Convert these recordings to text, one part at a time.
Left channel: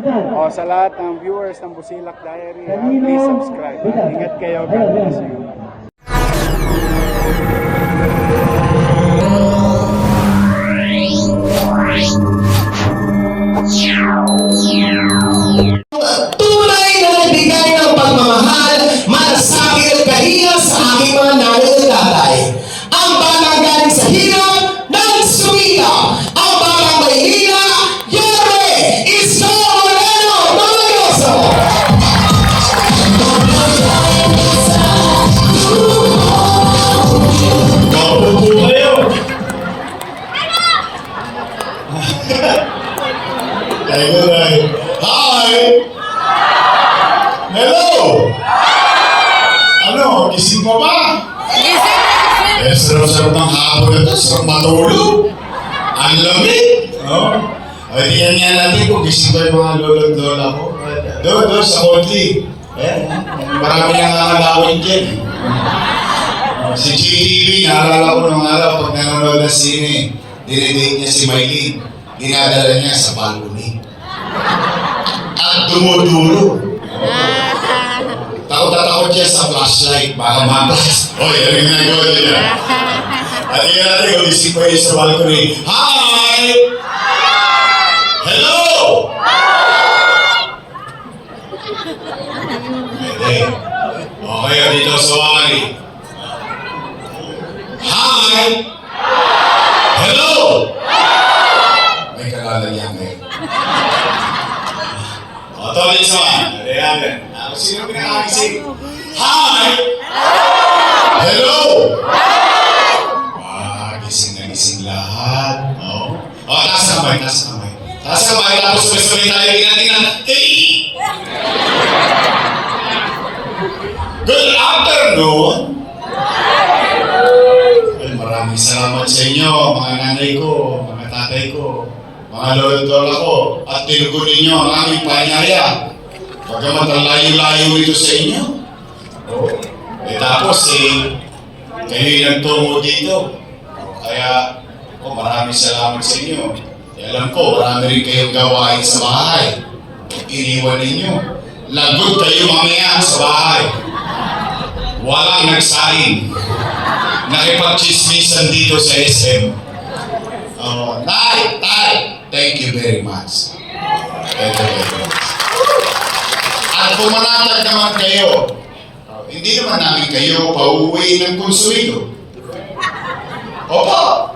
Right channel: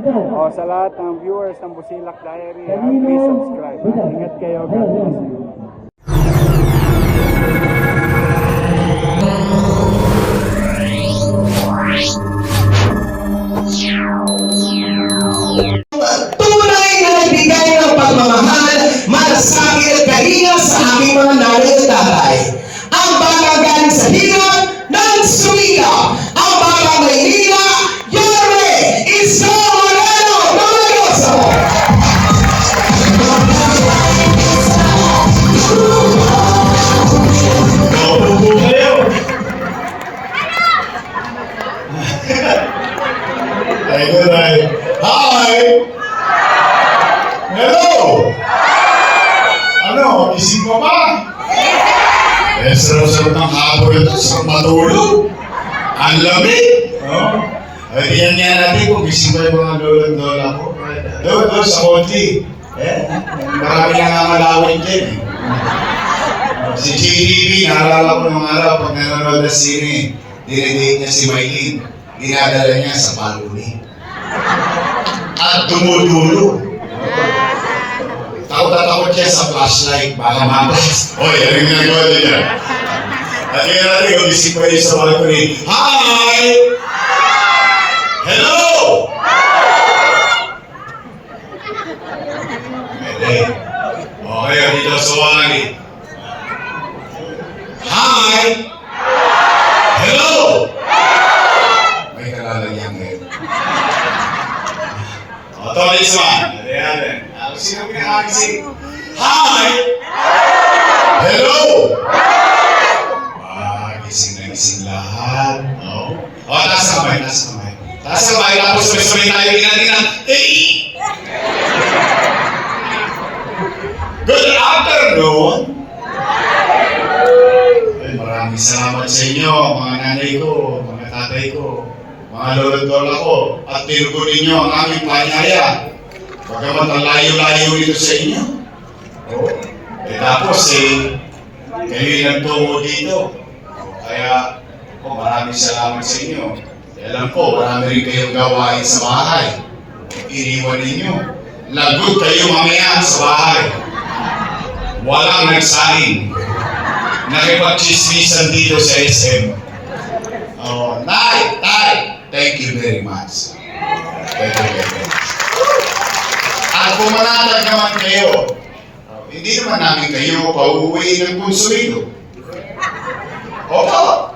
O, sa lahat ng viewers ng Busilak Diary, please subscribe. Ingat kayo. God bless you. Tunay na nagbigay ng pagmamahal, malasakit at kahiya sa aking mga nanay at tatay. Ang batang galing sa hirap ng sumika. Ang batang Maynila, Yore, Isko Moreno, Mamagoso! Kaupo kayo. Hi! Hello! Ano, gising ka ba? Sarap-sarap ng hapon na ito, sarap matulog. Ang lamig. Ay, tingnan nga natin kung gising ka yung mga lolo-lola ko. Doon, sa konti. Marami nang nangalawin dyan. Si GTV, naalala ko nung araw pag nanonood na sine, dinidate niya si Maylene. Dinadala niya sa balcony. At dumudulo. Takot na takot siya sa flashlight, baka mamas. Hoy, ano yung ginagawa niya? At tingnan natin kung isip ko yun sa balcony. Hi! Hello! Pwede. Okay, dito sa wali. Hi! Hello! May kalalagyan ngayon. Ito ulit sa man. Ayan. Sino pinakagising? Hi! Hello! Gising na gising lahat. Taas ang kamay, taas ang kamay. Taas ang kamay, tapos sabay-sabay tayo ginagawa. Hey! Good afternoon! Maraming salamat sa inyo, mga nanay ko, mga tatay ko, mga lolo-lola ko, at tinugunin ninyo ang aming panyaya. Pagkamat ang layo-layo ito sa inyo. Tapos kayo nagtungo dito. Kaya maraming salamat sa inyo. Alam ko, marami rin kayong gawain sa bahay. Iniwan ninyo. Lagot kayo mamaya sa bahay. Walang nagsahin. Nakipag-chismisan dito sa SM. Tay, thank you very much. Thank you very much. At kung manatag naman kayo, hindi naman namin kayo pauuwi ng konsumido. Opo.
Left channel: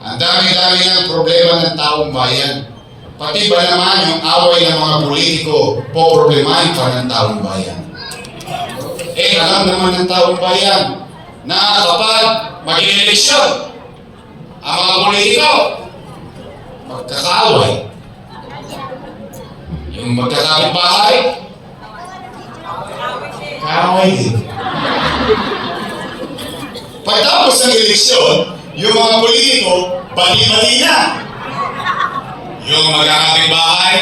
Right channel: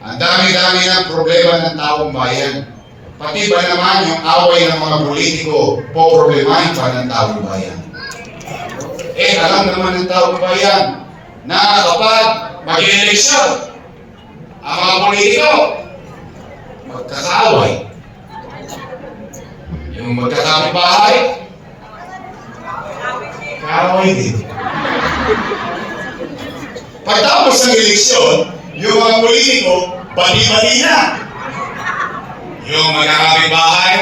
Ang dami-dami ng problema ng taong bayan. Pati ba naman yung away ng mga politiko, poproblemahin pa ng taong bayan. Alam naman ng taong bayan na kapag mag-eleksyon, ang mga politiko, magkakaaway. Yung magkakabahay, kaaway din. Pagtapos ng eleksyon, yung mga politiko, bali-bali na. Yung magkakabahay,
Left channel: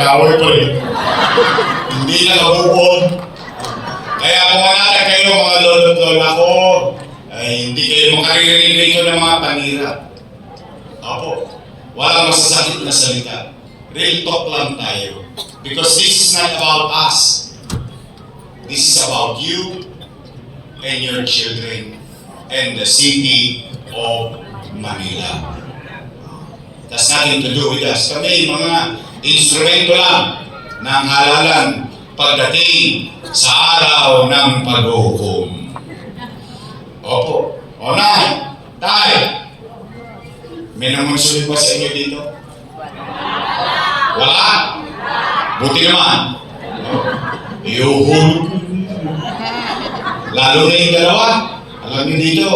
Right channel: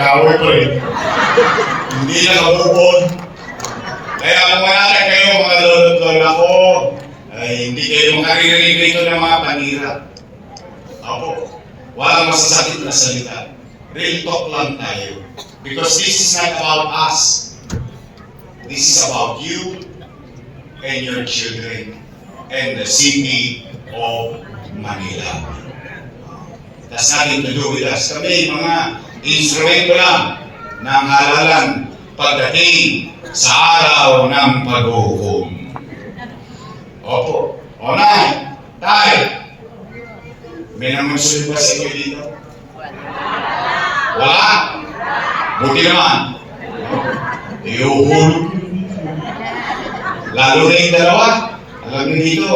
kaaway po rin. Hindi na kabukod. Kaya kung wala kayo mga lolo-lola ko, ay hindi kayo makaririnig dito ng mga panirap. Opo, walang masasakit na salita. Real talk lang tayo. Because this is not about us. This is about you and your children and the city of Manila. That's nothing to do with us. Kami mga instrumento lang ng halalan pagdating sa araw ng paghuhukom. Opo. Nay, tay, may namagsulit ba sa inyo dito? Wala? Buti naman. Iuhulog. Lalo na yung dalawa. Alam niyo dito,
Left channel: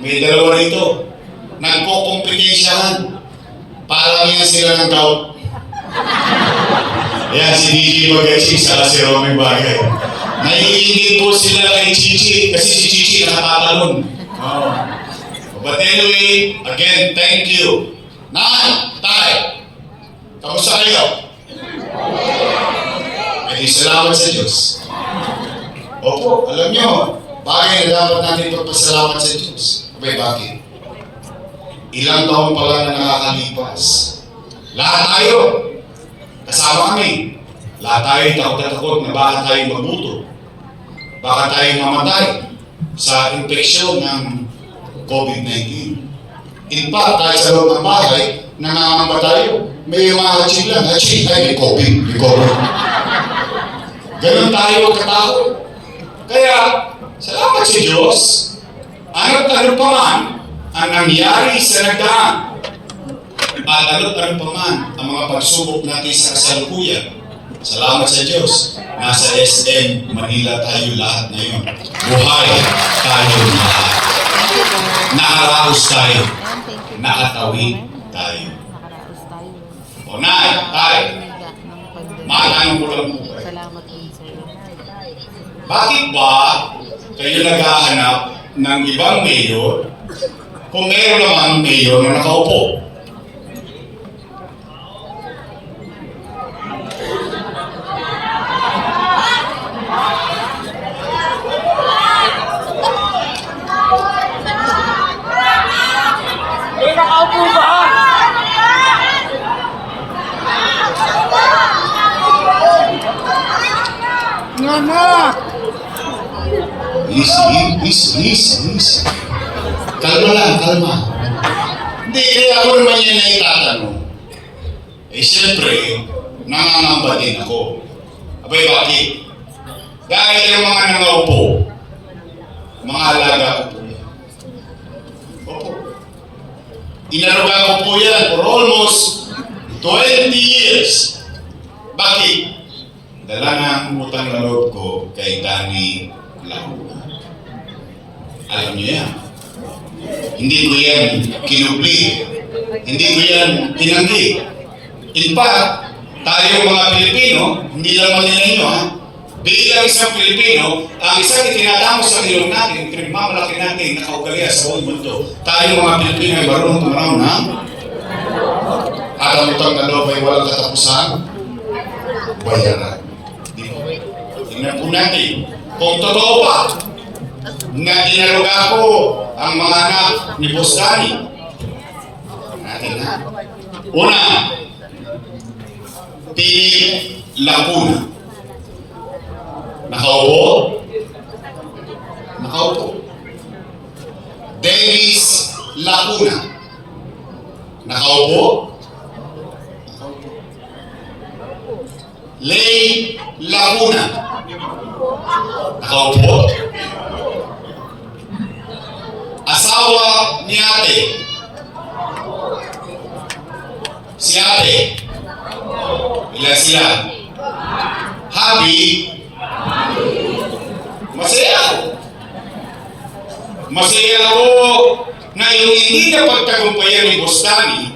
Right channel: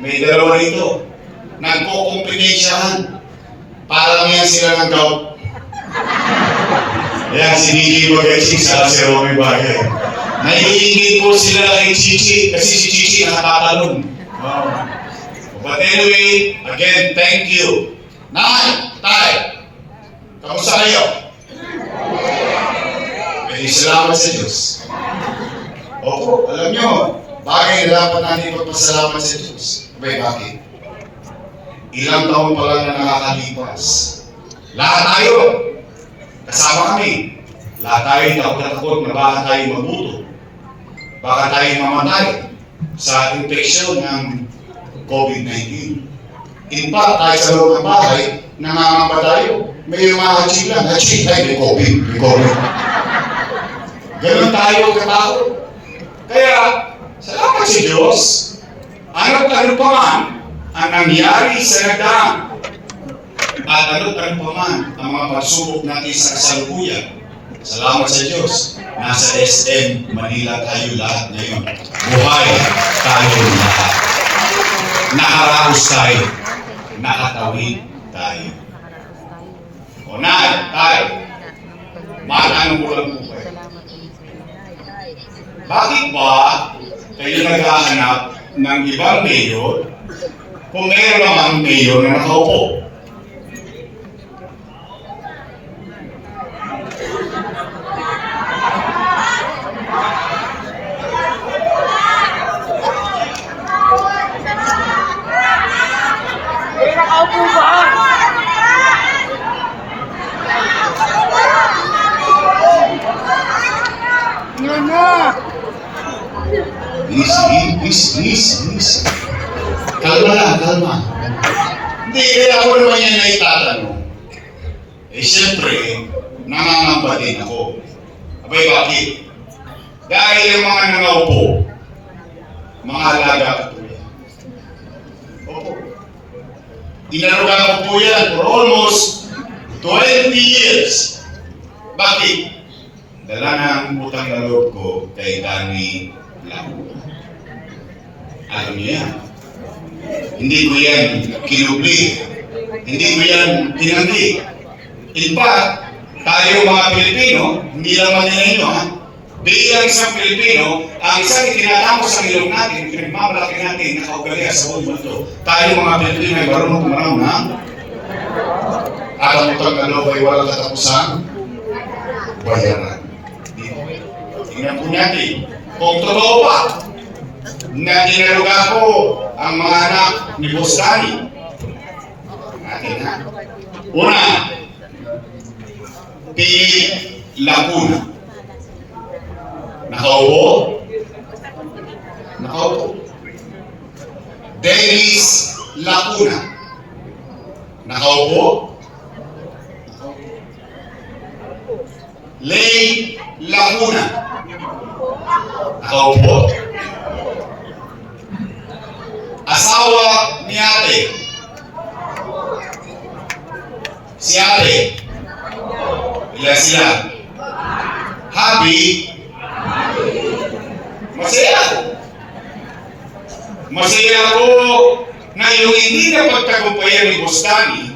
may dalawa rito. Nagpo-competition. Parang yan sila ng gout. Yan, si Gigi Magasin sa si Romy Bagay. Naiingit po sila kay Chichi kasi si Chichi nakatatalon. But anyway, again, thank you. Nay, tay, kamusta kayo? May salamat sa Diyos. Opo, alam nyo, bagay na dapat natin pagpasalamat sa Diyos. Bakit? Ilang taon pa lang na nakakalipas, Lahat tayo. Kasama kami. Lahat tayo takot na baka tayo mabuto. Baka tayo mamatay sa infeksyon ng COVID-19. In fact, tayo sa loob ng bahay, nangangamba tayo. May yung aching lang, aching tayo, may COVID, may COVID. Ganun tayo katakot. Kaya, salamat sa Diyos, ano't ano pa man ang nangyari sa nagdaan. At ano't ano pa man ang mga pagsubok natin sa kasalukuyan. Salamat sa Diyos, nasa SM Manila tayo lahat ngayon. Buhay tayo lahat. Nakaraos tayo. Nakatawid tayo. Unay, tayo. Matanong ko lang po kayo. Bakit ba kayo naghahanap ng ibang mayor kung meron namang mayor na nakaupo? Nakaupo ba? Mama! Easy. Kalma lang, kalma. Hindi, kaya ako naman yan na itatanong. Eh, siyempre, nangangamba din ako. Abay, bakit? Dahil yung mga nangaupo, mga alaga ko po yan. Opo. Inarugan ko po yan for almost 20 years. Bakit? Dala ng utang na loob ko kay Danny Laguna. Alam niyo yan. Hindi ko yan kinubli. Hindi ko yan pinanggi. In fact, tayo mga Pilipino, hindi lang Manila nyo ha, bilang isang Pilipino, ang isang itinatamo sa nilong natin, pinagmamalaki natin na kaugalia sa buong mundo, tayo mga Pilipino ay marunong tumanaw na alam utang na loob ay walang katapusan, bayaran. Tingnan po natin, kung totoo pa, na dinaruga ko ang mga anak ni Boss Danny. Natin ha. Una, Pili Laguna. Nakaupo? Nakaupo. Dennis Laguna. Nakaupo? Lay Laguna. Nakaupo? Asawa ni ate. Si ate. Ilan sila? Happy? Masaya. Masaya ako na yung hindi na pagtagumpayan ni Boss Danny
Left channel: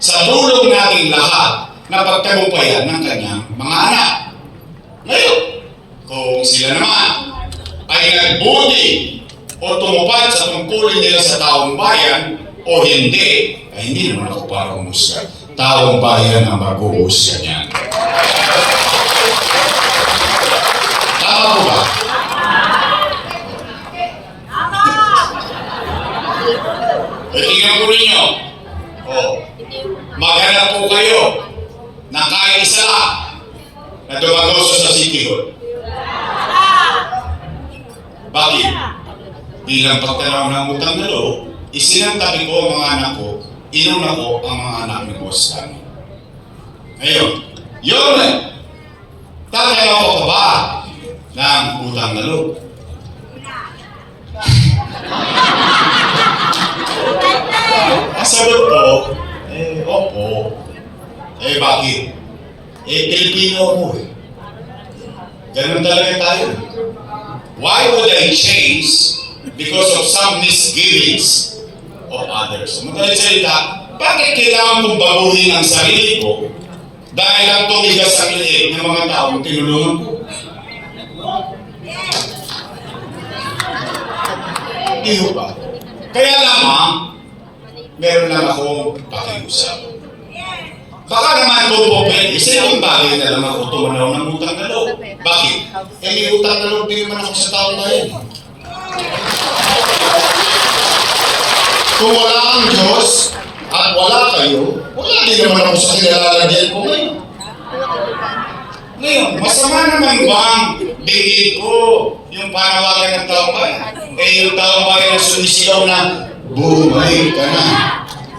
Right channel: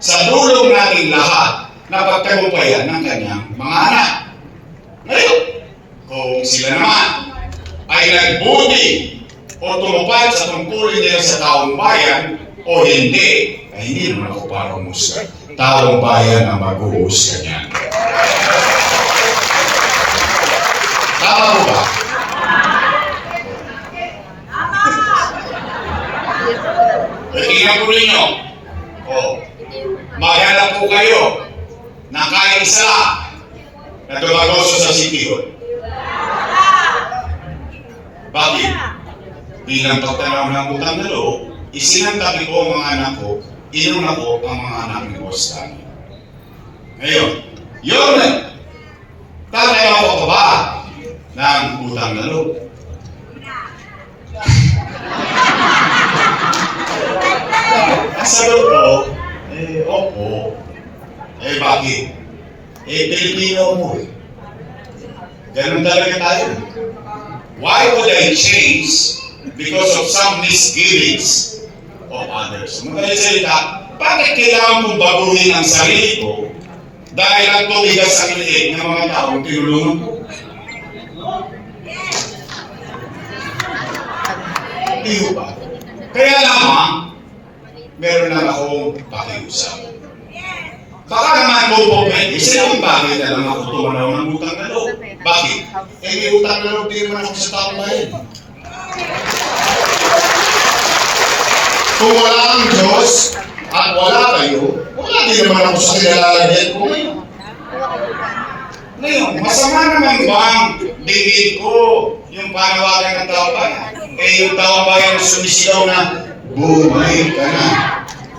sa dulong nating lahat na pagtagumpayan ng kanyang mga anak. Ngayon, kung sila naman ay nagbuti o tumupad sa tungkulin nila sa taong bayan o hindi, ay hindi naman ako para umusga. Taong bayan ang mag-uusga niyan. Tama mo ba? Tingnan ko ninyo. Maghanap po kayo na kahit isa lang na dumagoso sa City Hall. Bakit? Bilang pagtanaw ng utang na loob, isinantabi ko ang mga anak ko, inuna ko ang mga anak ni Boss Danny. Ngayon, yun tatay ako pa ba ng utang na loob? Sagot ko, opo. Bakit? Pilipino mo eh. Ganun talaga tayo. Why would I change because of some misgivings of others? Magalit salita, bakit kailangan kong baguhin ang sarili ko dahil ang tumigas sa liit ng mga taong tinulungan ko? Hindi ko ba? Kaya lamang, meron lang akong pakiusap. Baka naman kung po pwede, sinang bagay na lang ako tumanaw ng utang na loob. Bakit? May utang na loob din naman ako sa taong bayan. Kung wala ang Diyos, at wala kayo, wala din naman ako sa kinalalagyan ko ngayon. Ngayon, masama naman bang bigay ko yung panawagan ng tao bayan? Eh yung tao bayan sumisigaw na, bumalik ka na.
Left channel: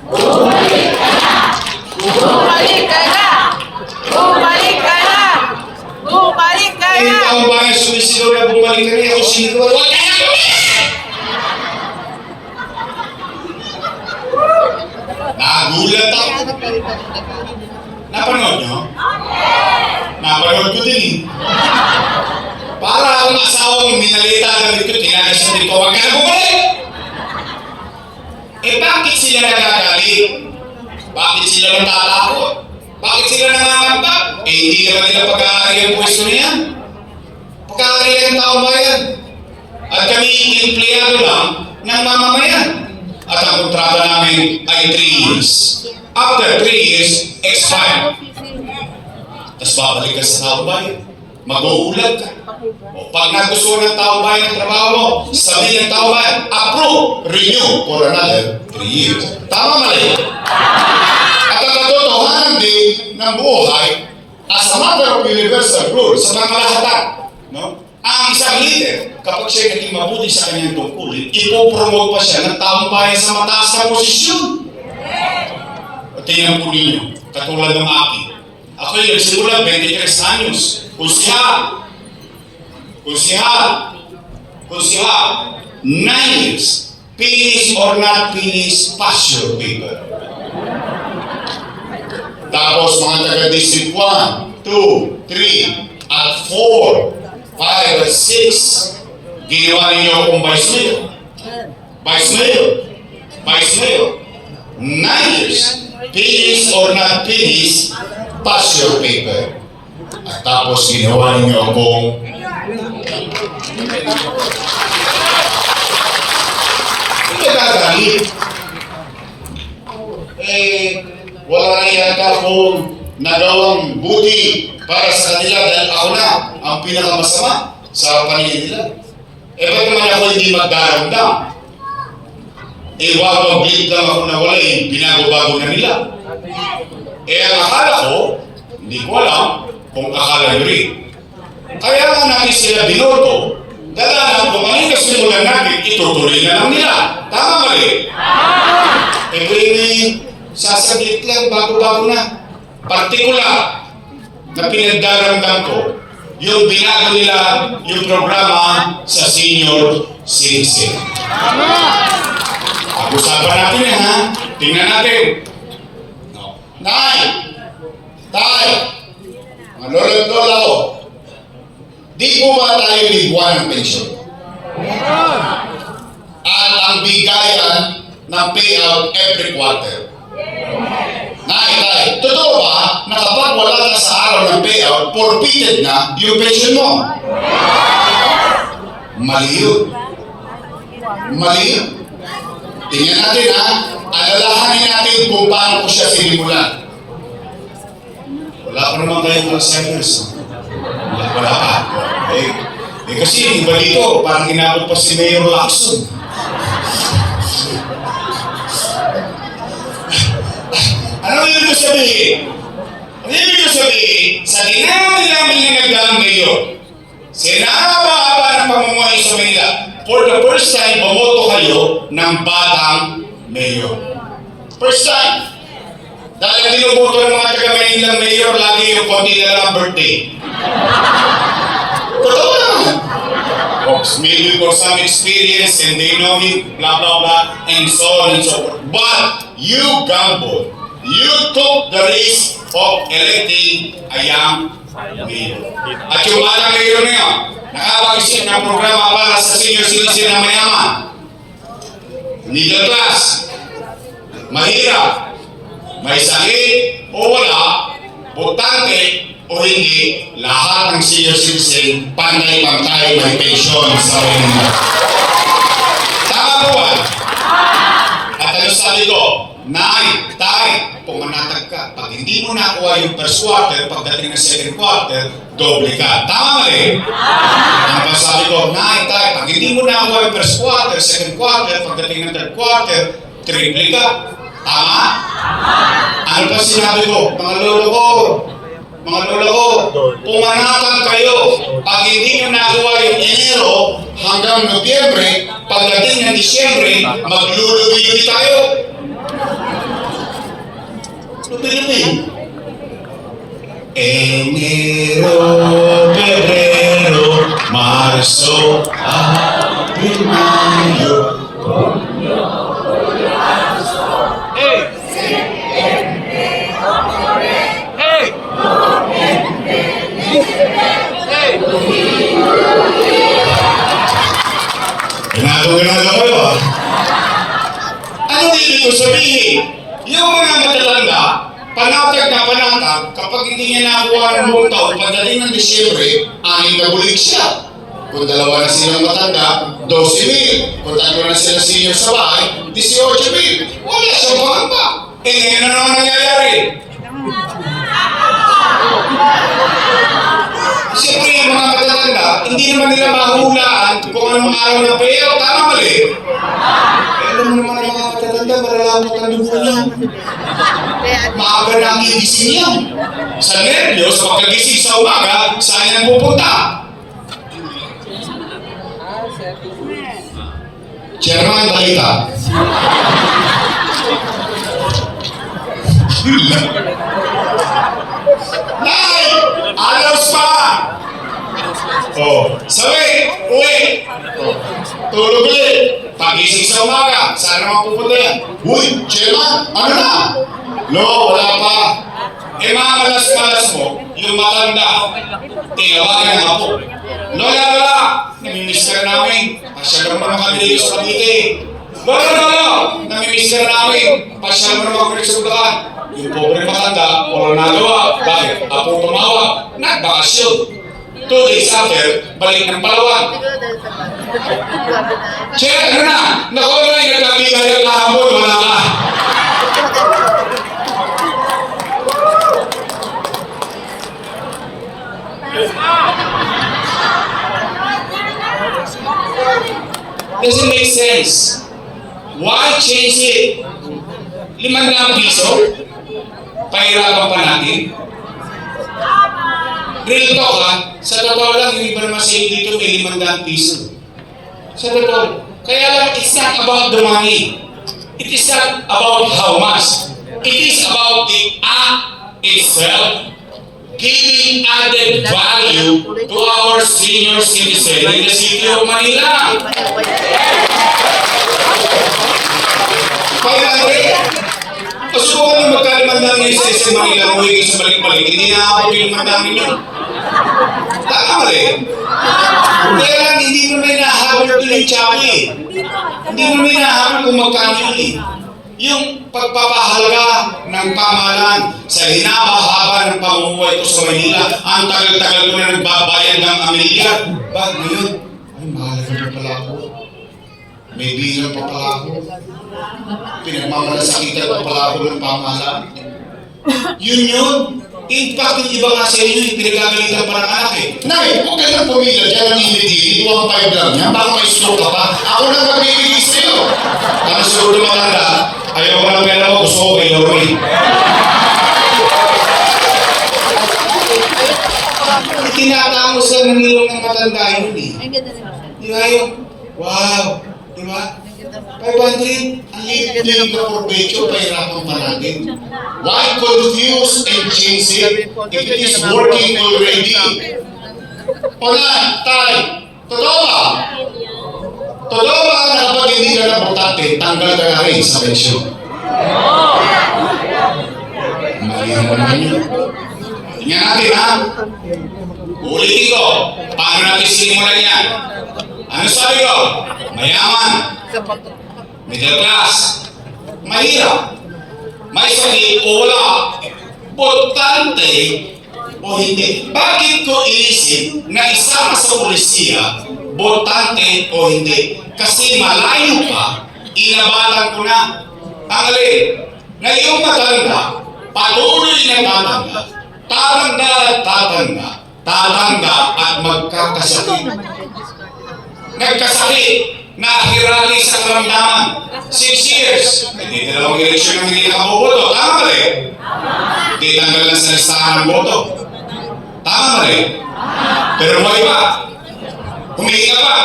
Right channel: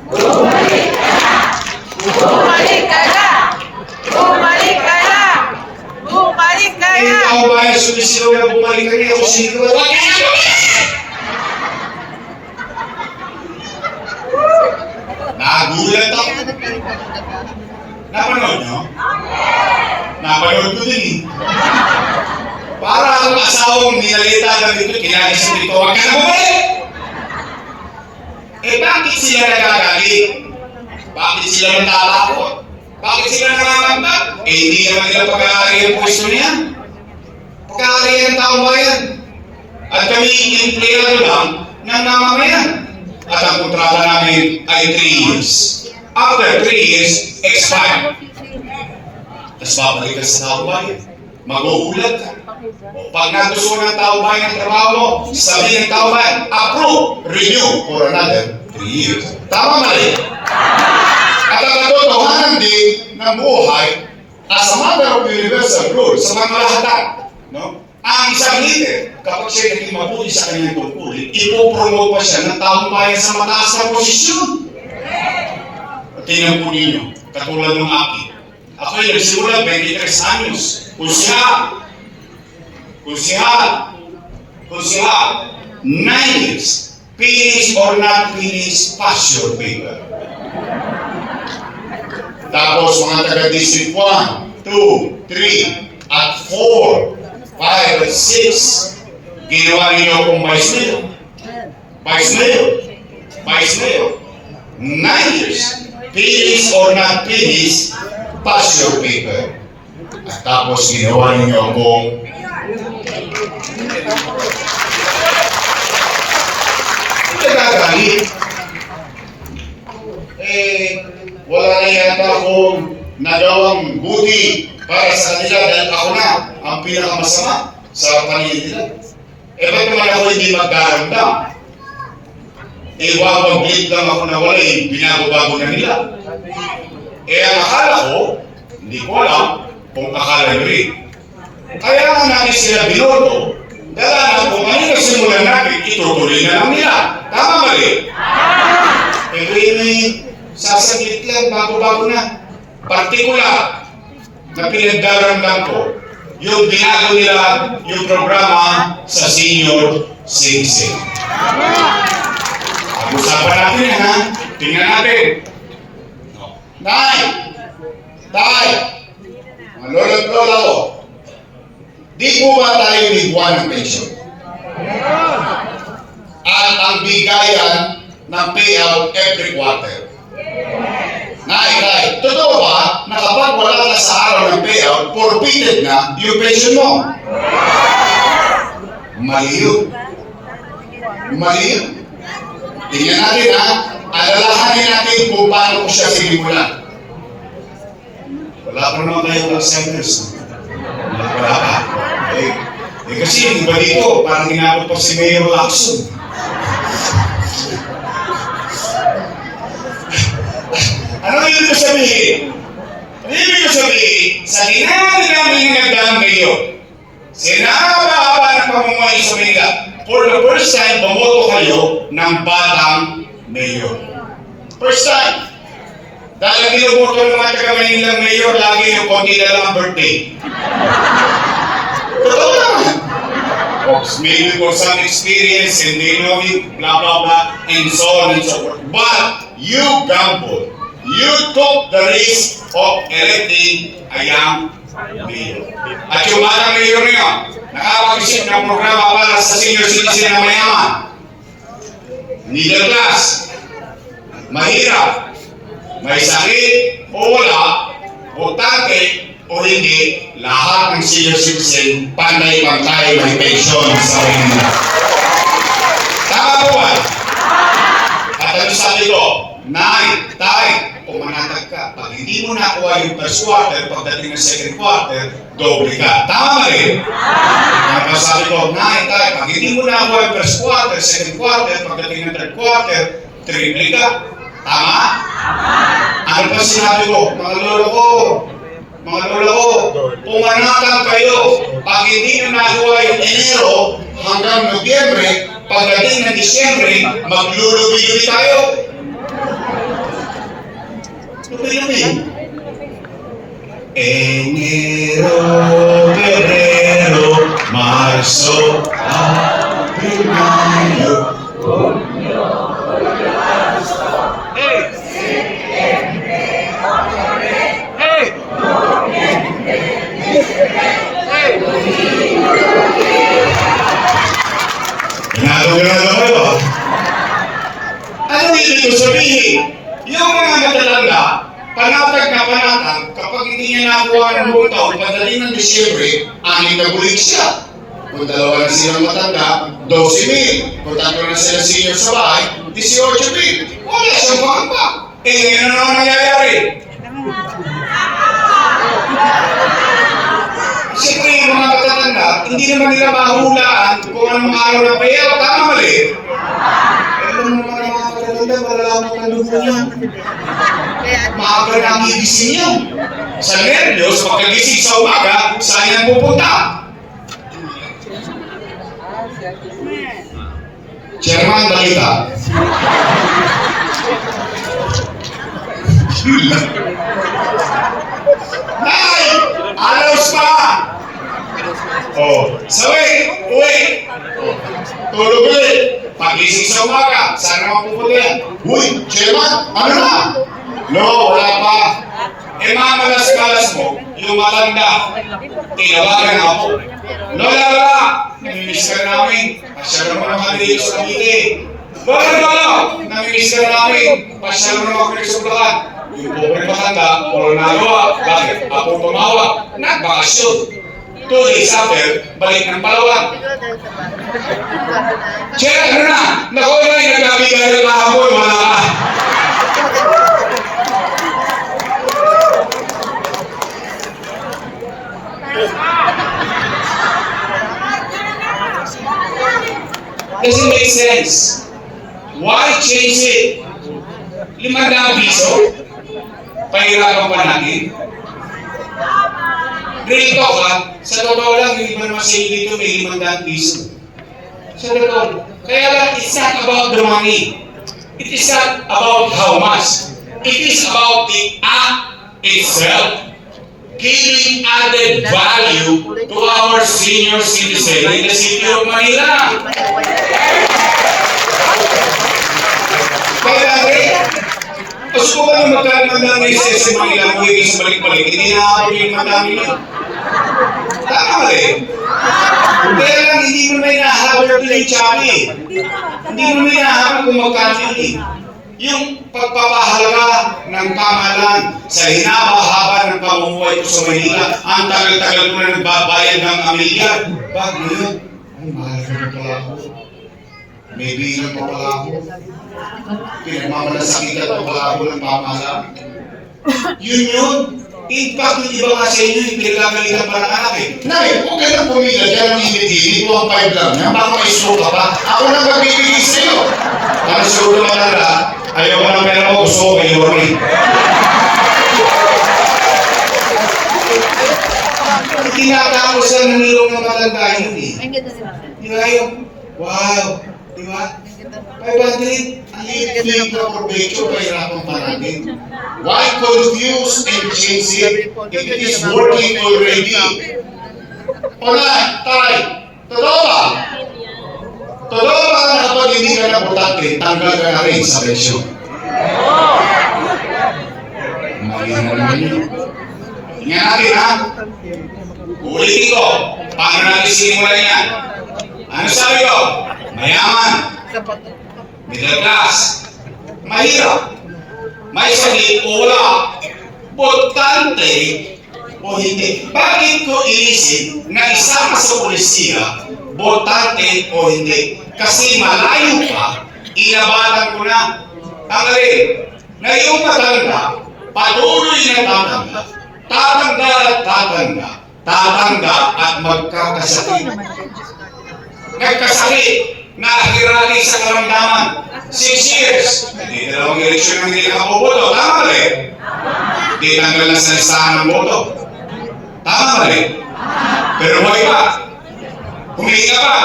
Bumalik ka na! Bumalik ka na! Bumalik ka na! Bumalik ka Eh na! yung tao bayan sumisigaw na bumalik ka na. Ako sinigaw, wag ka na bumalik! Nagulat ako. Napanood nyo? Napanood ko din eh. Para ang asawang minalita na dito, kinagas na dito, huwag ka na bumalik! Eh bakit sila nagagalit? Bakit sila natatakot? Bakit sila nangangambat? Eh hindi naman nila pag-aari ang pwesto niya. Pag-aari ang tao bayan. At kami empleyado lang ng namamayan. At ang kontrata namin ay 3 years. After 3 years, expire. Tapos babalik ka sa tao bayan. Mag-uulat ka. O pag nagusto ng tao bayan ang trabaho mo, sabihin ng tao bayan, approve, renew for another 3 years. Tama mali? At ang katotohanan din ng buhay, as a matter of universal rules, sa mga kalahatan, no? Ang isang leader, kapag siya naging mabuti sa kanyang tungkulin, ipopromote pa siya ng taong bayan sa mataas na posisyon. At tingnan po ninyo, katulad ng akin. Ako yung nagsimula 23 anyos. Kusihal, 9 years. Finish or not finish, pass your paper. Tapos mga taga-district 1, 2, 3, at 4, 5 at 6, ginawa ninyo akong vice mayor. Vice mayor. 9 years. Finish or not finish, pass your paper. At tapos ginawa ninyo akong nagagalit. Wala na yata akong nagawang buti para sa kanila dahil ako na ang pinakamasama sa kanila nila. Ba't naman ako hindi magdaramdam? Wawag-blit lang ako na wala binago-bago na nila. Ang akala ko, hindi ko alam kung akala nyo rin. Kaya nga natin sila binoto, dala na kung ano na simulan natin, itutuloy na lang nila. Tama ba rin? May sasaglit lang, bago-bago na. Partikular na pinagdaramdam ko, yung binago nila yung programa sa senior citizen. Pag-usapan natin yan, ha? Tingnan natin. Nay! Tay! Mga lolo't lola ko, di po ba tayo niguan ng pensyon? At ang bigayan ng payout every quarter. Nay, totoo ba na kapag wala ka sa araw ng payout, forfeited na yung pension mo? Mali yun. Tingnan natin, ha? Alalahanin natin kung paano ko siya sinimulan. Wala pa naman tayong call-centers. Wala pa. Kasi yung iba dito, parang ginagawa pa si Mayor Lacson. Ano yun ko sabihin? Ano yun ko sabihin? Sa dinami-dami nagdaang ngayon, sinahaba-haba ng pamumuhay sa Manila, for the first time, bumoto kayo ng batang mayor. First time. Dahil binuboto ng mga taga-Manilang mayor, lagi yung konti na lang ang birthday. Totoo naman. Maybe for some experience and they know me, blah, blah, blah, and so on and so forth. But you gambled. You took the risk of electing a young mayor. At yung batang mayor niyo, nakapag-isip ng programa para sa senior citizen na mayaman. Middle class, mahirap, may sakit o wala, butante o hindi, lahat ng senior citizen panay-pantay ng pensyon sa Manila. Tama po ba? At ano sabi ko, Nay, Tay, pumanatag ka. Pag hindi mo nakuha yung first quarter, pagdating ng second quarter, doble ka. Tama rin? Ang sabi ko, Nay, Tay, pag hindi mo nakuha yung first quarter, second quarter, pagdating ng third quarter, triple ka. Tama? Ano pa sinabi ko? Mga lola ko, pumanatang kayo. Pag hindi nyo nagawa yung Enero hanggang Nobyembre, pagdating ng Disyembre, maglulubi-lubi tayo. Lubi-lubi. Enero, Febrero, Marso, Abril, Mayo. Ginagawa na kayo, ha? Ano ibig ko sabihin? Yung mga matatanda, panatag na panatag, kapag hindi niya nakuha ng buong taon, pagdating ng Disyembre, 6 na bulig siya. Kung 2 na silang matanda, 12,000. Kung 3 na sila senior sa bahay, 18,000. Wala siyang pangamba. Ngayon na naman nangyayari. Siyempre, yung mga matatanda, hindi naman nila mahulaan kung anong araw na pera, tama mali. Pero yung mga matatanda, malalaman ka doon po yan. Maaga na ang gigising yan. Sa nervyos, pagkagising sa umaga, saan yan pupunta? Chairman, balita. Nay! Alos pa! Oh, sabay! Uwi! Tulog ulit! Pagising sa umaga, saan naman pupunta yan? Uy, Chairman, ano na? No, wala pa. Mga malas-malas mo, yung matanda, tinawagan ako. Lola, namimiss ka namin. Pasya naman ang kanila sa Cavite. Lola, namimiss ka namin. Pasya naman ang kanila sa Bulacan. Yung pobre matanda, puro nagawa. Bakit? Apo tumawag. Nagbakasyon. 2 days after, balik ng Palawan. Chair, ano na? Naku na, nagkabigay ng kahapon. Wala ka. Doesn't make sense. Why change it? 500 piso? Pahirapan pa natin? Real talk, ha? Sa totoo lang, yung information dito may 500 piso. Sa totoo. Kaya lang, it's not about the money. It is not about how much. It is about the act itself. Giving added value to our senior citizen in the city of Manila. Kaya rin, gusto ko na magkaroon ng SS sa Manila mo yung sa balik-balik, hindi na ako yung madami yun. Tama rin. Kaya lang, hindi mo na inahabol ko yung Chabi. Hindi mo na inahabol kung magkano yun. Yung pagpapahalaga ng kamahalan sa hinahaba ng pamumuhay ko sa Manila, ang tagal-tagal ko na nagbabayad ng Amelia. Bakit yun? Ay, mahal na pala ako. May bilang pa pala ako. Pinagmamalasakitan pa pala ako ng pamahalan. Yun. In fact, yung iba nga sa inyo, yung pinagkagalitan pa ng anak eh. Nay, huwag ka nang pumila, kaya nang hindi mo ang 5 lang yan. Baka may stroke ka pa. Ako nang magbibigay sa'yo. Ang siguro naman na, ayaw mo ng pera mo, gusto ko may lori. Tinatawag ko sa nanilong ng matanda yun eh. Di ba yung, wow, di ba? 500, ang liit na for picture, pahirapan pa natin. Why confuse and change it? It is working already. Wala, tay, totoo ba? Totoo ba na kapag hindi ka na butante, tanggal ka na rin sa pensyon? Mahirap naman yun. Tingnan natin ha. Ulitin ko, paano natin sinimulan yan? Ano sabi ko? Mayaman. Middle class. Mahirap. May sakit o wala. Botante o hindi. Bakit ko iisip na isama sa polisiya, botante o hindi? Kasi malayo ka, inabalan ko na. Tangali, na yung matanda, patuloy na tatanda. Tatanda at tatanda. Tatanda at magkakasakit. Nagkasakit. Nahirali sa karamdaman. 6 years. Hindi dalawang eleksyon ang hindi nakaboboto. Tama ba rin? Hindi tanggal na sa listahan ng boto. Tama ba rin? Pero buhay pa. Huminga pa.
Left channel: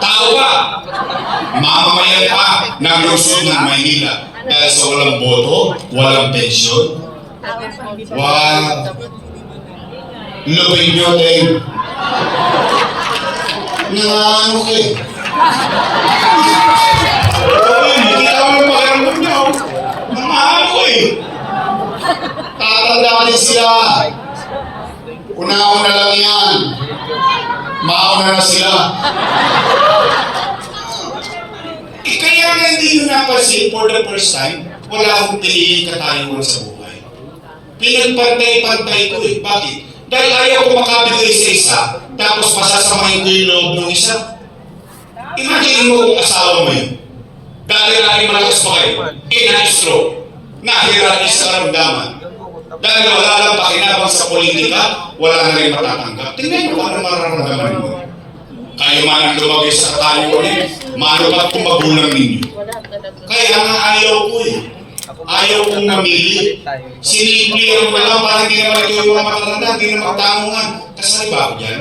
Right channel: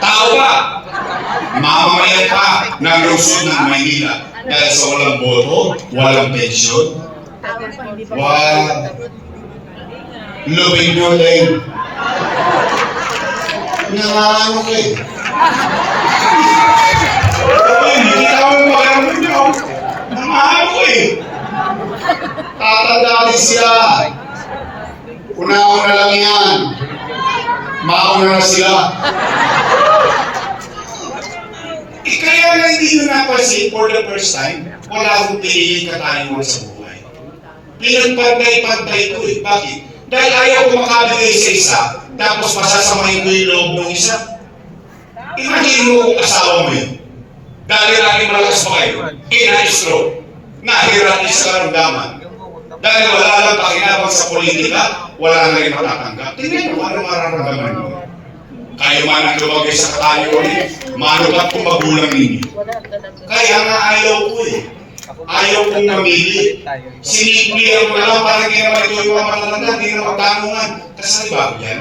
Tao pa. Mamamayan pa ng lungsod ng Maynila. Dahil sa walang boto, walang pensyon. Wow. Lubig nyo din. Nangangaano kayo. Hindi ka mo malamod nyo. Nangangaano ko eh. Tatandaan din sila. Una-una lang yan. Mauna na sila. Kaya na hindi nyo napansin for the first time, wala akong piniling kataliwan sa buhay. Pinagpantay-pantay ko eh. Bakit? Dahil ayaw ko makabigay sa isa, tapos masasamahin ko yung loob ng isa. Imagine mo kung asawa mo yun. Dahil lagi malakas mo kayo, ina-stroke, nahirap sa karamdaman. Dahil wala lang pakinabang sa politika, wala na rin matatanggap. Tingnan mo ano mararamdaman mo. Kayo man ang lumagay sa kataliwan eh, manupat kong magulang ninyo. Kaya nga ayaw ko eh. Ayaw kong mamili. Sinimplihan ko lang para hindi naman ito yung mga matatanda, hindi na magtanungan. Kasali ba ako dyan?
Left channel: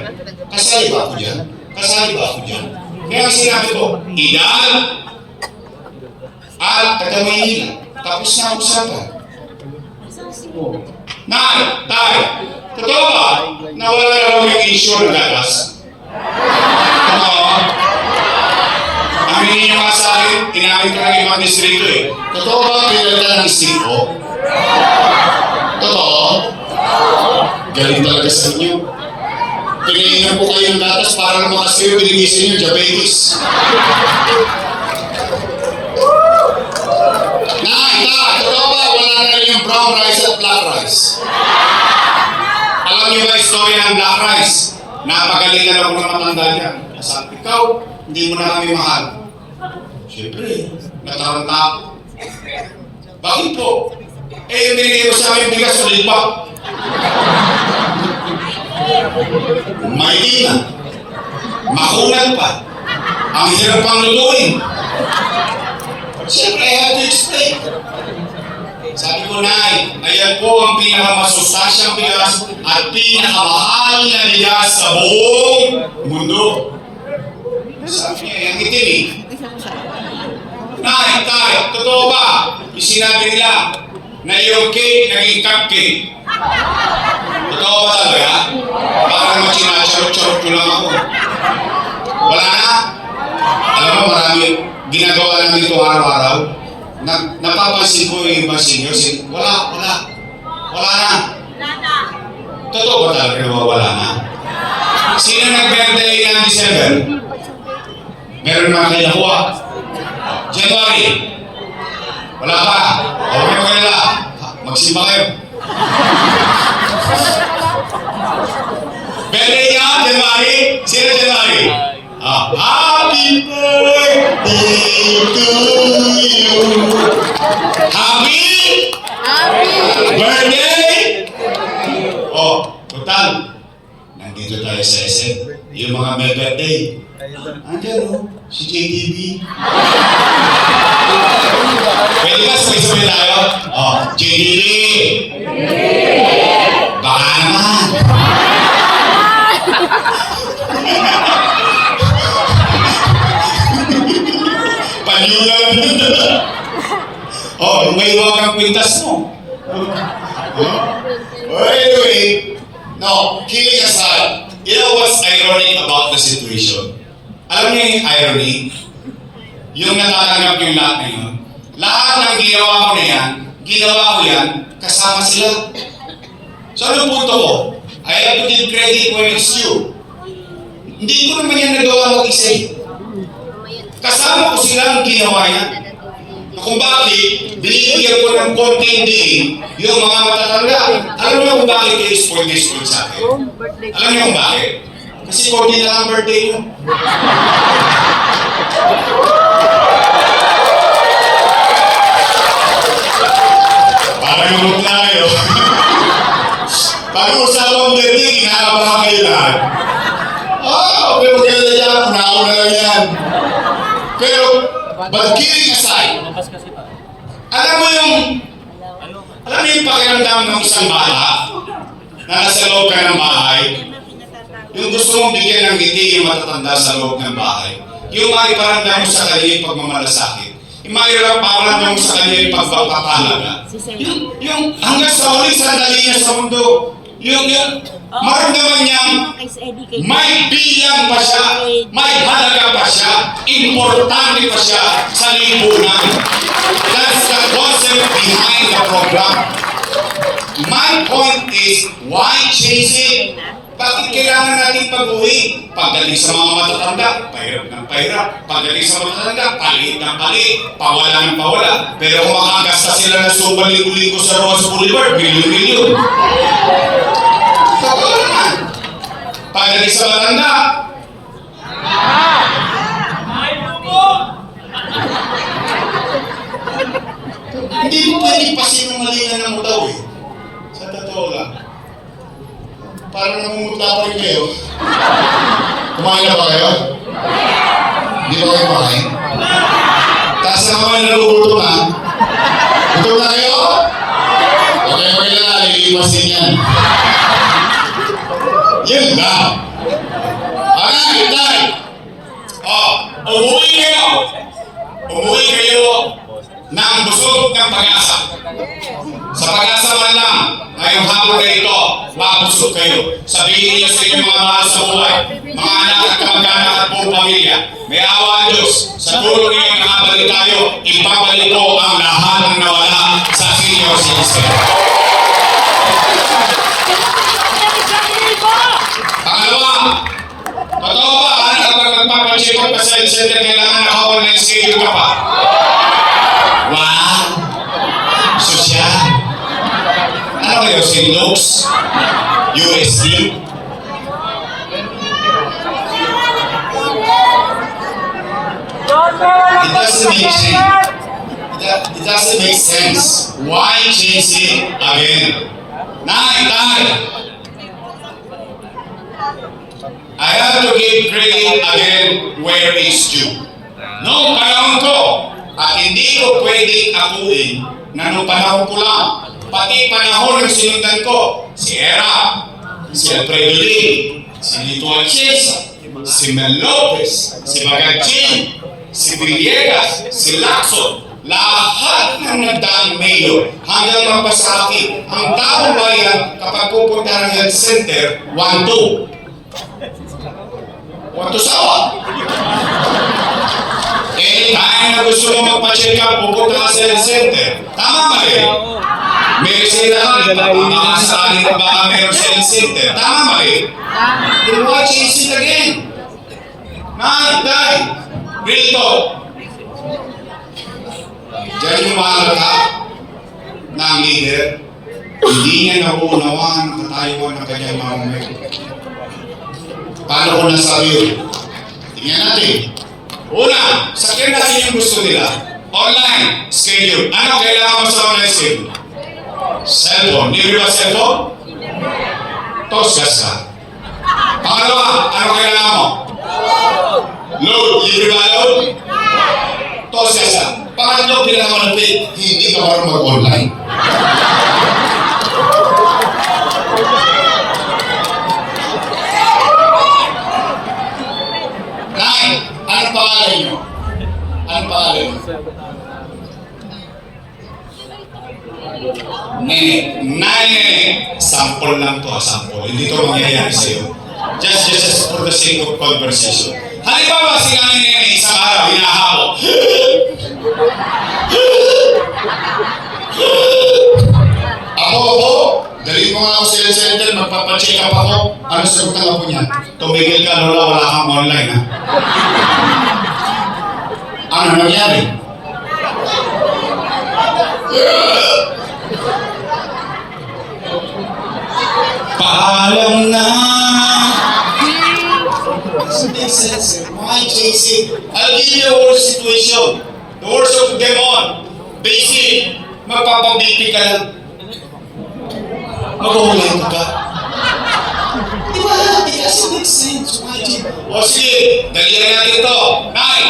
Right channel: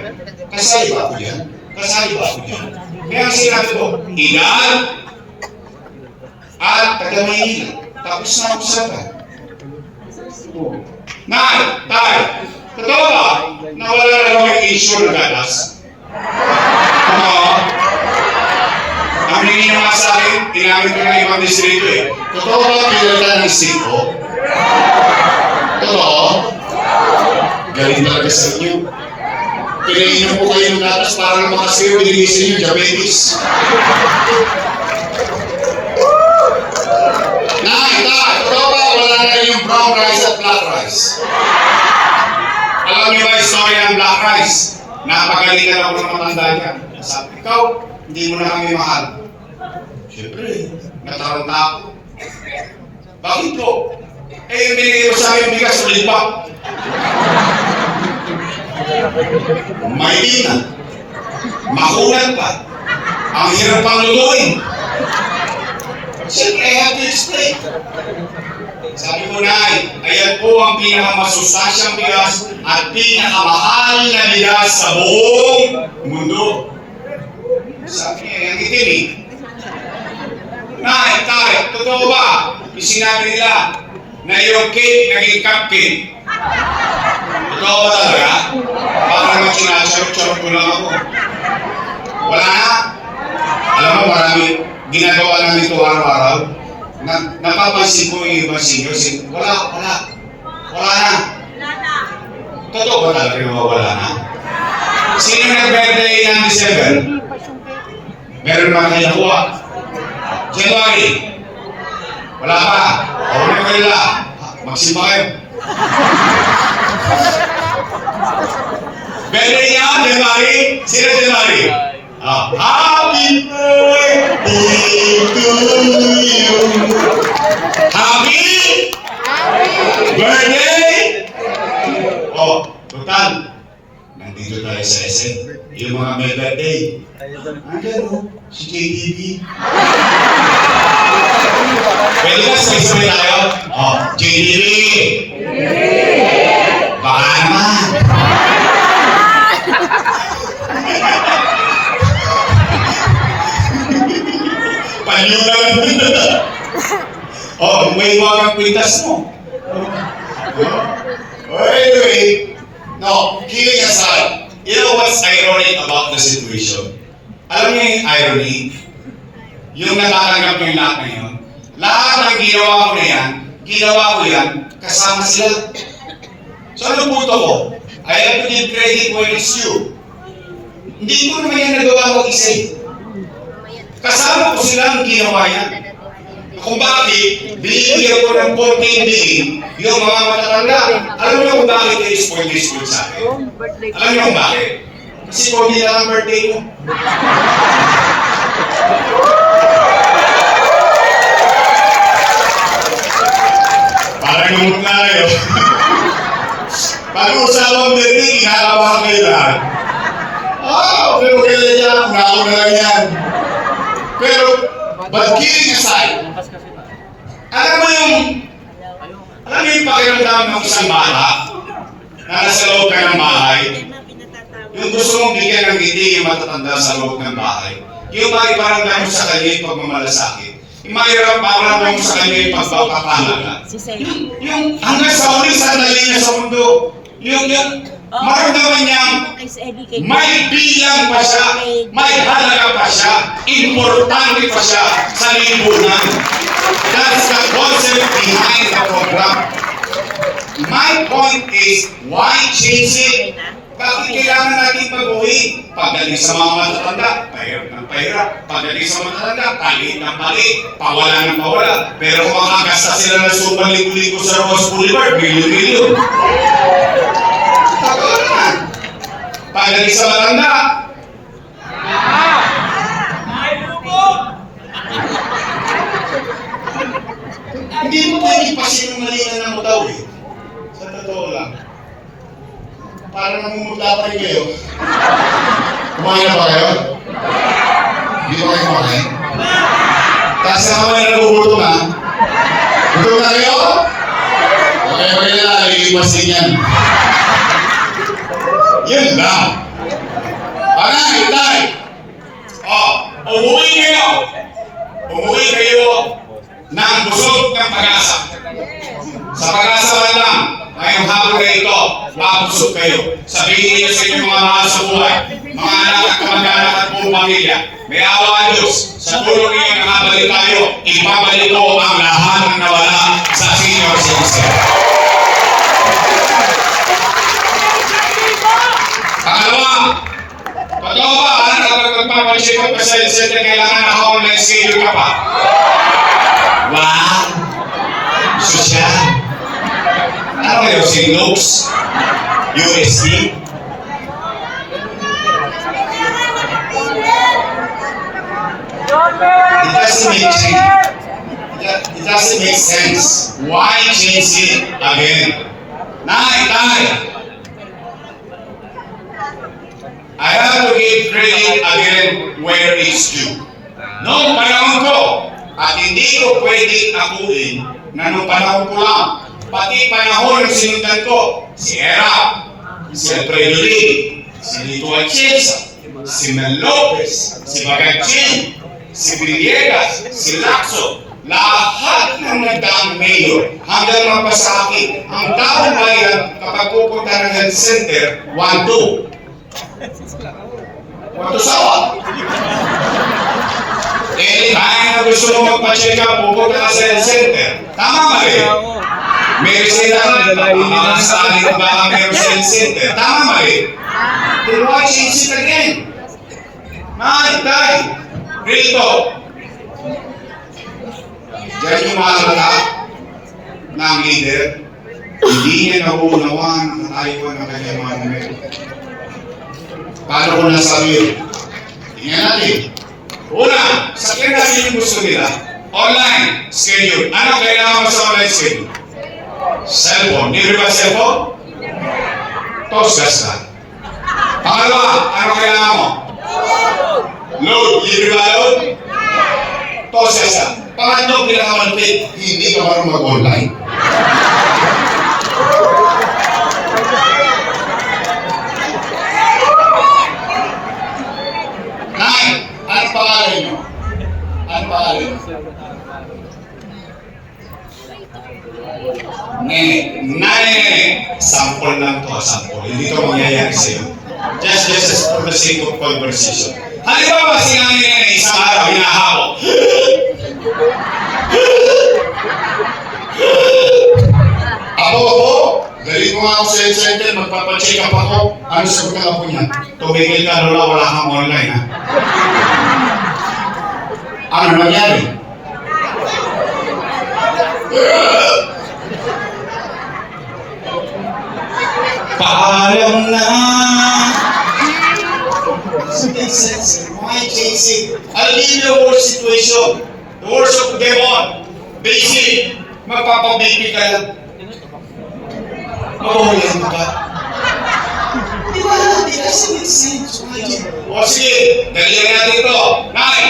Kasali ba ako dyan? Kasali ba ako dyan? Kaya sinabi ko, ilan at taga-Maynila. Tapos na ang usapan. Nay, tay, totoo ba na wala na lang yung issue ng gatas? Ano? Ang hindi nyo nga sa akin, tinawid ko na yung mga distrito eh. Totoo ba pinagdala ng siko? Totoo? Galing talaga sa inyo. Pinayin po kayo ng gatas para na makasiyo, binigisin yung diabetes. Totoo ba wala na yung brown rice at black rice? Alam niyo ba istorya ng black rice? Napagalitan ako ng matanda niya. Sabi, ikaw, hindi mo na kami mahal. Siyempre, nataranta ako. Bakit po? Eh, yung binigay mo sa akin bigas sa lipa. May ina. Makunan pa. Ang hirap pang lutuin. Siyempre, I have to explain. Sabi ko, Nay, ayan po ang pinakamasustansyang bigas at pinakamahal na bigas sa buong mundo. Sabi niya, yung itim eh. Nay, tay, totoo ba? Yung sinabi nila na yung cake naging cupcake. Totoo ba talaga? Parang naman sinachorok-chorok ko lang ako. Wala na? Alam mo, marami ginagawa namin ito araw-araw. Napapansin ko yung ibang seniors, wala na. Totoo ba talaga na wala na? Sino nag-birthday ng December? Meron na kayo nakuha. January. Wala pa. Okay mo nila. Magsimba kayo. Birthday niya, January. Sino January? Happy birthday to you. Happy birthday! Oh, total. Nandito tayo sa SM. Yung mga may birthday. Ano? Si JDB. Pwede ka sa tayo? Oh, JDB. Baka naman. Panyo naman. Oh, may iwan ang pintas mo. Anyway, no, kidding aside, you know what's ironic about the situation? Alam niyo yung irony? Yung natatanggap yung lahat na yun. Lahat ng ginawa ko na yan, ginawa ko yan, kasama sila. So ano punto ko? I have to give credit when it's due. Hindi ko naman yan nagawa mag-isa eh. Kasama ko sila ang ginawa yan. Kung bakit, binibigyan ko ng konting diin yung mga matatanda. Alam niyo kung bakit kayo sport sa akin? Alam niyo kung bakit? Kasi 40 lang ang birthday ko. Parang lumot na kayo. Pag-usapang birthday, kinakabahan kayo lahat. Okay, okay lang yan. Nauna lang yan. Pero, but kidding aside, alam mo yung pakiramdam ng isang bata na nasa loob ka ng bahay, yung gusto mong bigyan ng ngiti yung matatanda sa loob ng bahay, yung maiparamdam mo sa kanya yung pagmamalasakit, yung maiparamdam mo sa kanya yung pagpapapalaga, yung hanggang sa huling sandali niya sa mundo, yung maramdaman niyang may bilang pa siya, may halaga pa siya, importante pa siya sa lipunan. That's the concept behind the program. My point is, why change it? Bakit kailangan natin pag-uwi? Pagdating sa mga matatanda, pahirap ng pahirap. Pagdating sa matatanda, palit ng palit. Pawala ng pawala. Pero kung makagasta sila ng supang libo-libo sa Rose Boulevard, bilyon-bilyon. Pagkawalan. Pagdating sa matanda, hindi mo pwede pasinungalingan mo daw eh. Sa totoo lang. Parang namumutapan kayo. Kumain na ba kayo? Hindi ba kayo kumain? Kasi ang kamay na nagugutom na. Gutom na kayo? Okay, magkilala, iipasin yan. Yun lang. Alay, tay! Umuwi kayo! Umuwi kayo ng busog ng pag-asa. Sa pag-asa man lang, ngayong hapon na ito, mabusog kayo. Sabihin niyo sa inyong mga mahal sa buhay, mga anak at kamag-anak at buong pamilya, may awa ang Diyos. Sa tulong niyo nakabalik tayo, ibabalik ko ang lahat ng nawala sa senior citizen. Pangalawa, totoo ba, kapag magpapacheck up ka sa center, kailangan naka-online schedule ka pa? Wow! Sosyal? Ano kayo, Sinlux? USD? It doesn't make sense. Why change it again? Tay! I have to give credit again where it's due. Noong panahon ko, at hindi ko pwedeng akuin na nung panahon ko lang, pati panahon ng sinundan ko, si Era, si Alfredo Lee, si Lito Atienza, si Mel Lopez, si Bagachin, si Villegas, si Lacson, lahat ng nagdaang mayor hanggang mapasakit ang taong bayan kapag pupunta ng health center, 1-2. Wato sawa. Anytime na gusto mo magpa-check up, pupunta ka sa health center. Tama ba rin? May reseta ka, mga saan ba ang meron sa health center? Tama ba rin? Then why change it again? Tay, Rito. Diyan yung mga mata ng leader, hindi niya nauunawaan ang katayuan ng kanyang mga numero. Paano ko nasabi? Tingnan natin. Una, sakyan natin yung gusto nila. Online schedule. Ano kailangan mo sa online schedule? Cellphone. Hindi ba cellphone? Tosgas ka. Pangalawa, ano kailangan mo? Load. Hindi ba load? Tosgas ka. Pangatlo, kailangan mo natin. Hindi ka marunong mag-online. Ano pangalan nyo? Ano pangalan nyo? Nene. Sample lang to, sample. Hindi to mangyayari sa'yo. Just for the sake of conversation. Halimbawa, si Nene isang araw, hinahabo. Ako, galing mo nga ako sa health center, magpapacheck up ako. Ano sagutan ako niya? Tumigil ka, Lola, wala kang online, ha? Ano nangyari? Paalam na. Doesn't make sense. Why change it? I'll give you a worse situation. The worst of them on. Basic. Magpapabiti ka lang. Maguhulihan ka. Di ba? It doesn't make sense. Why change it? O sige, dalihan natin ito. Nay!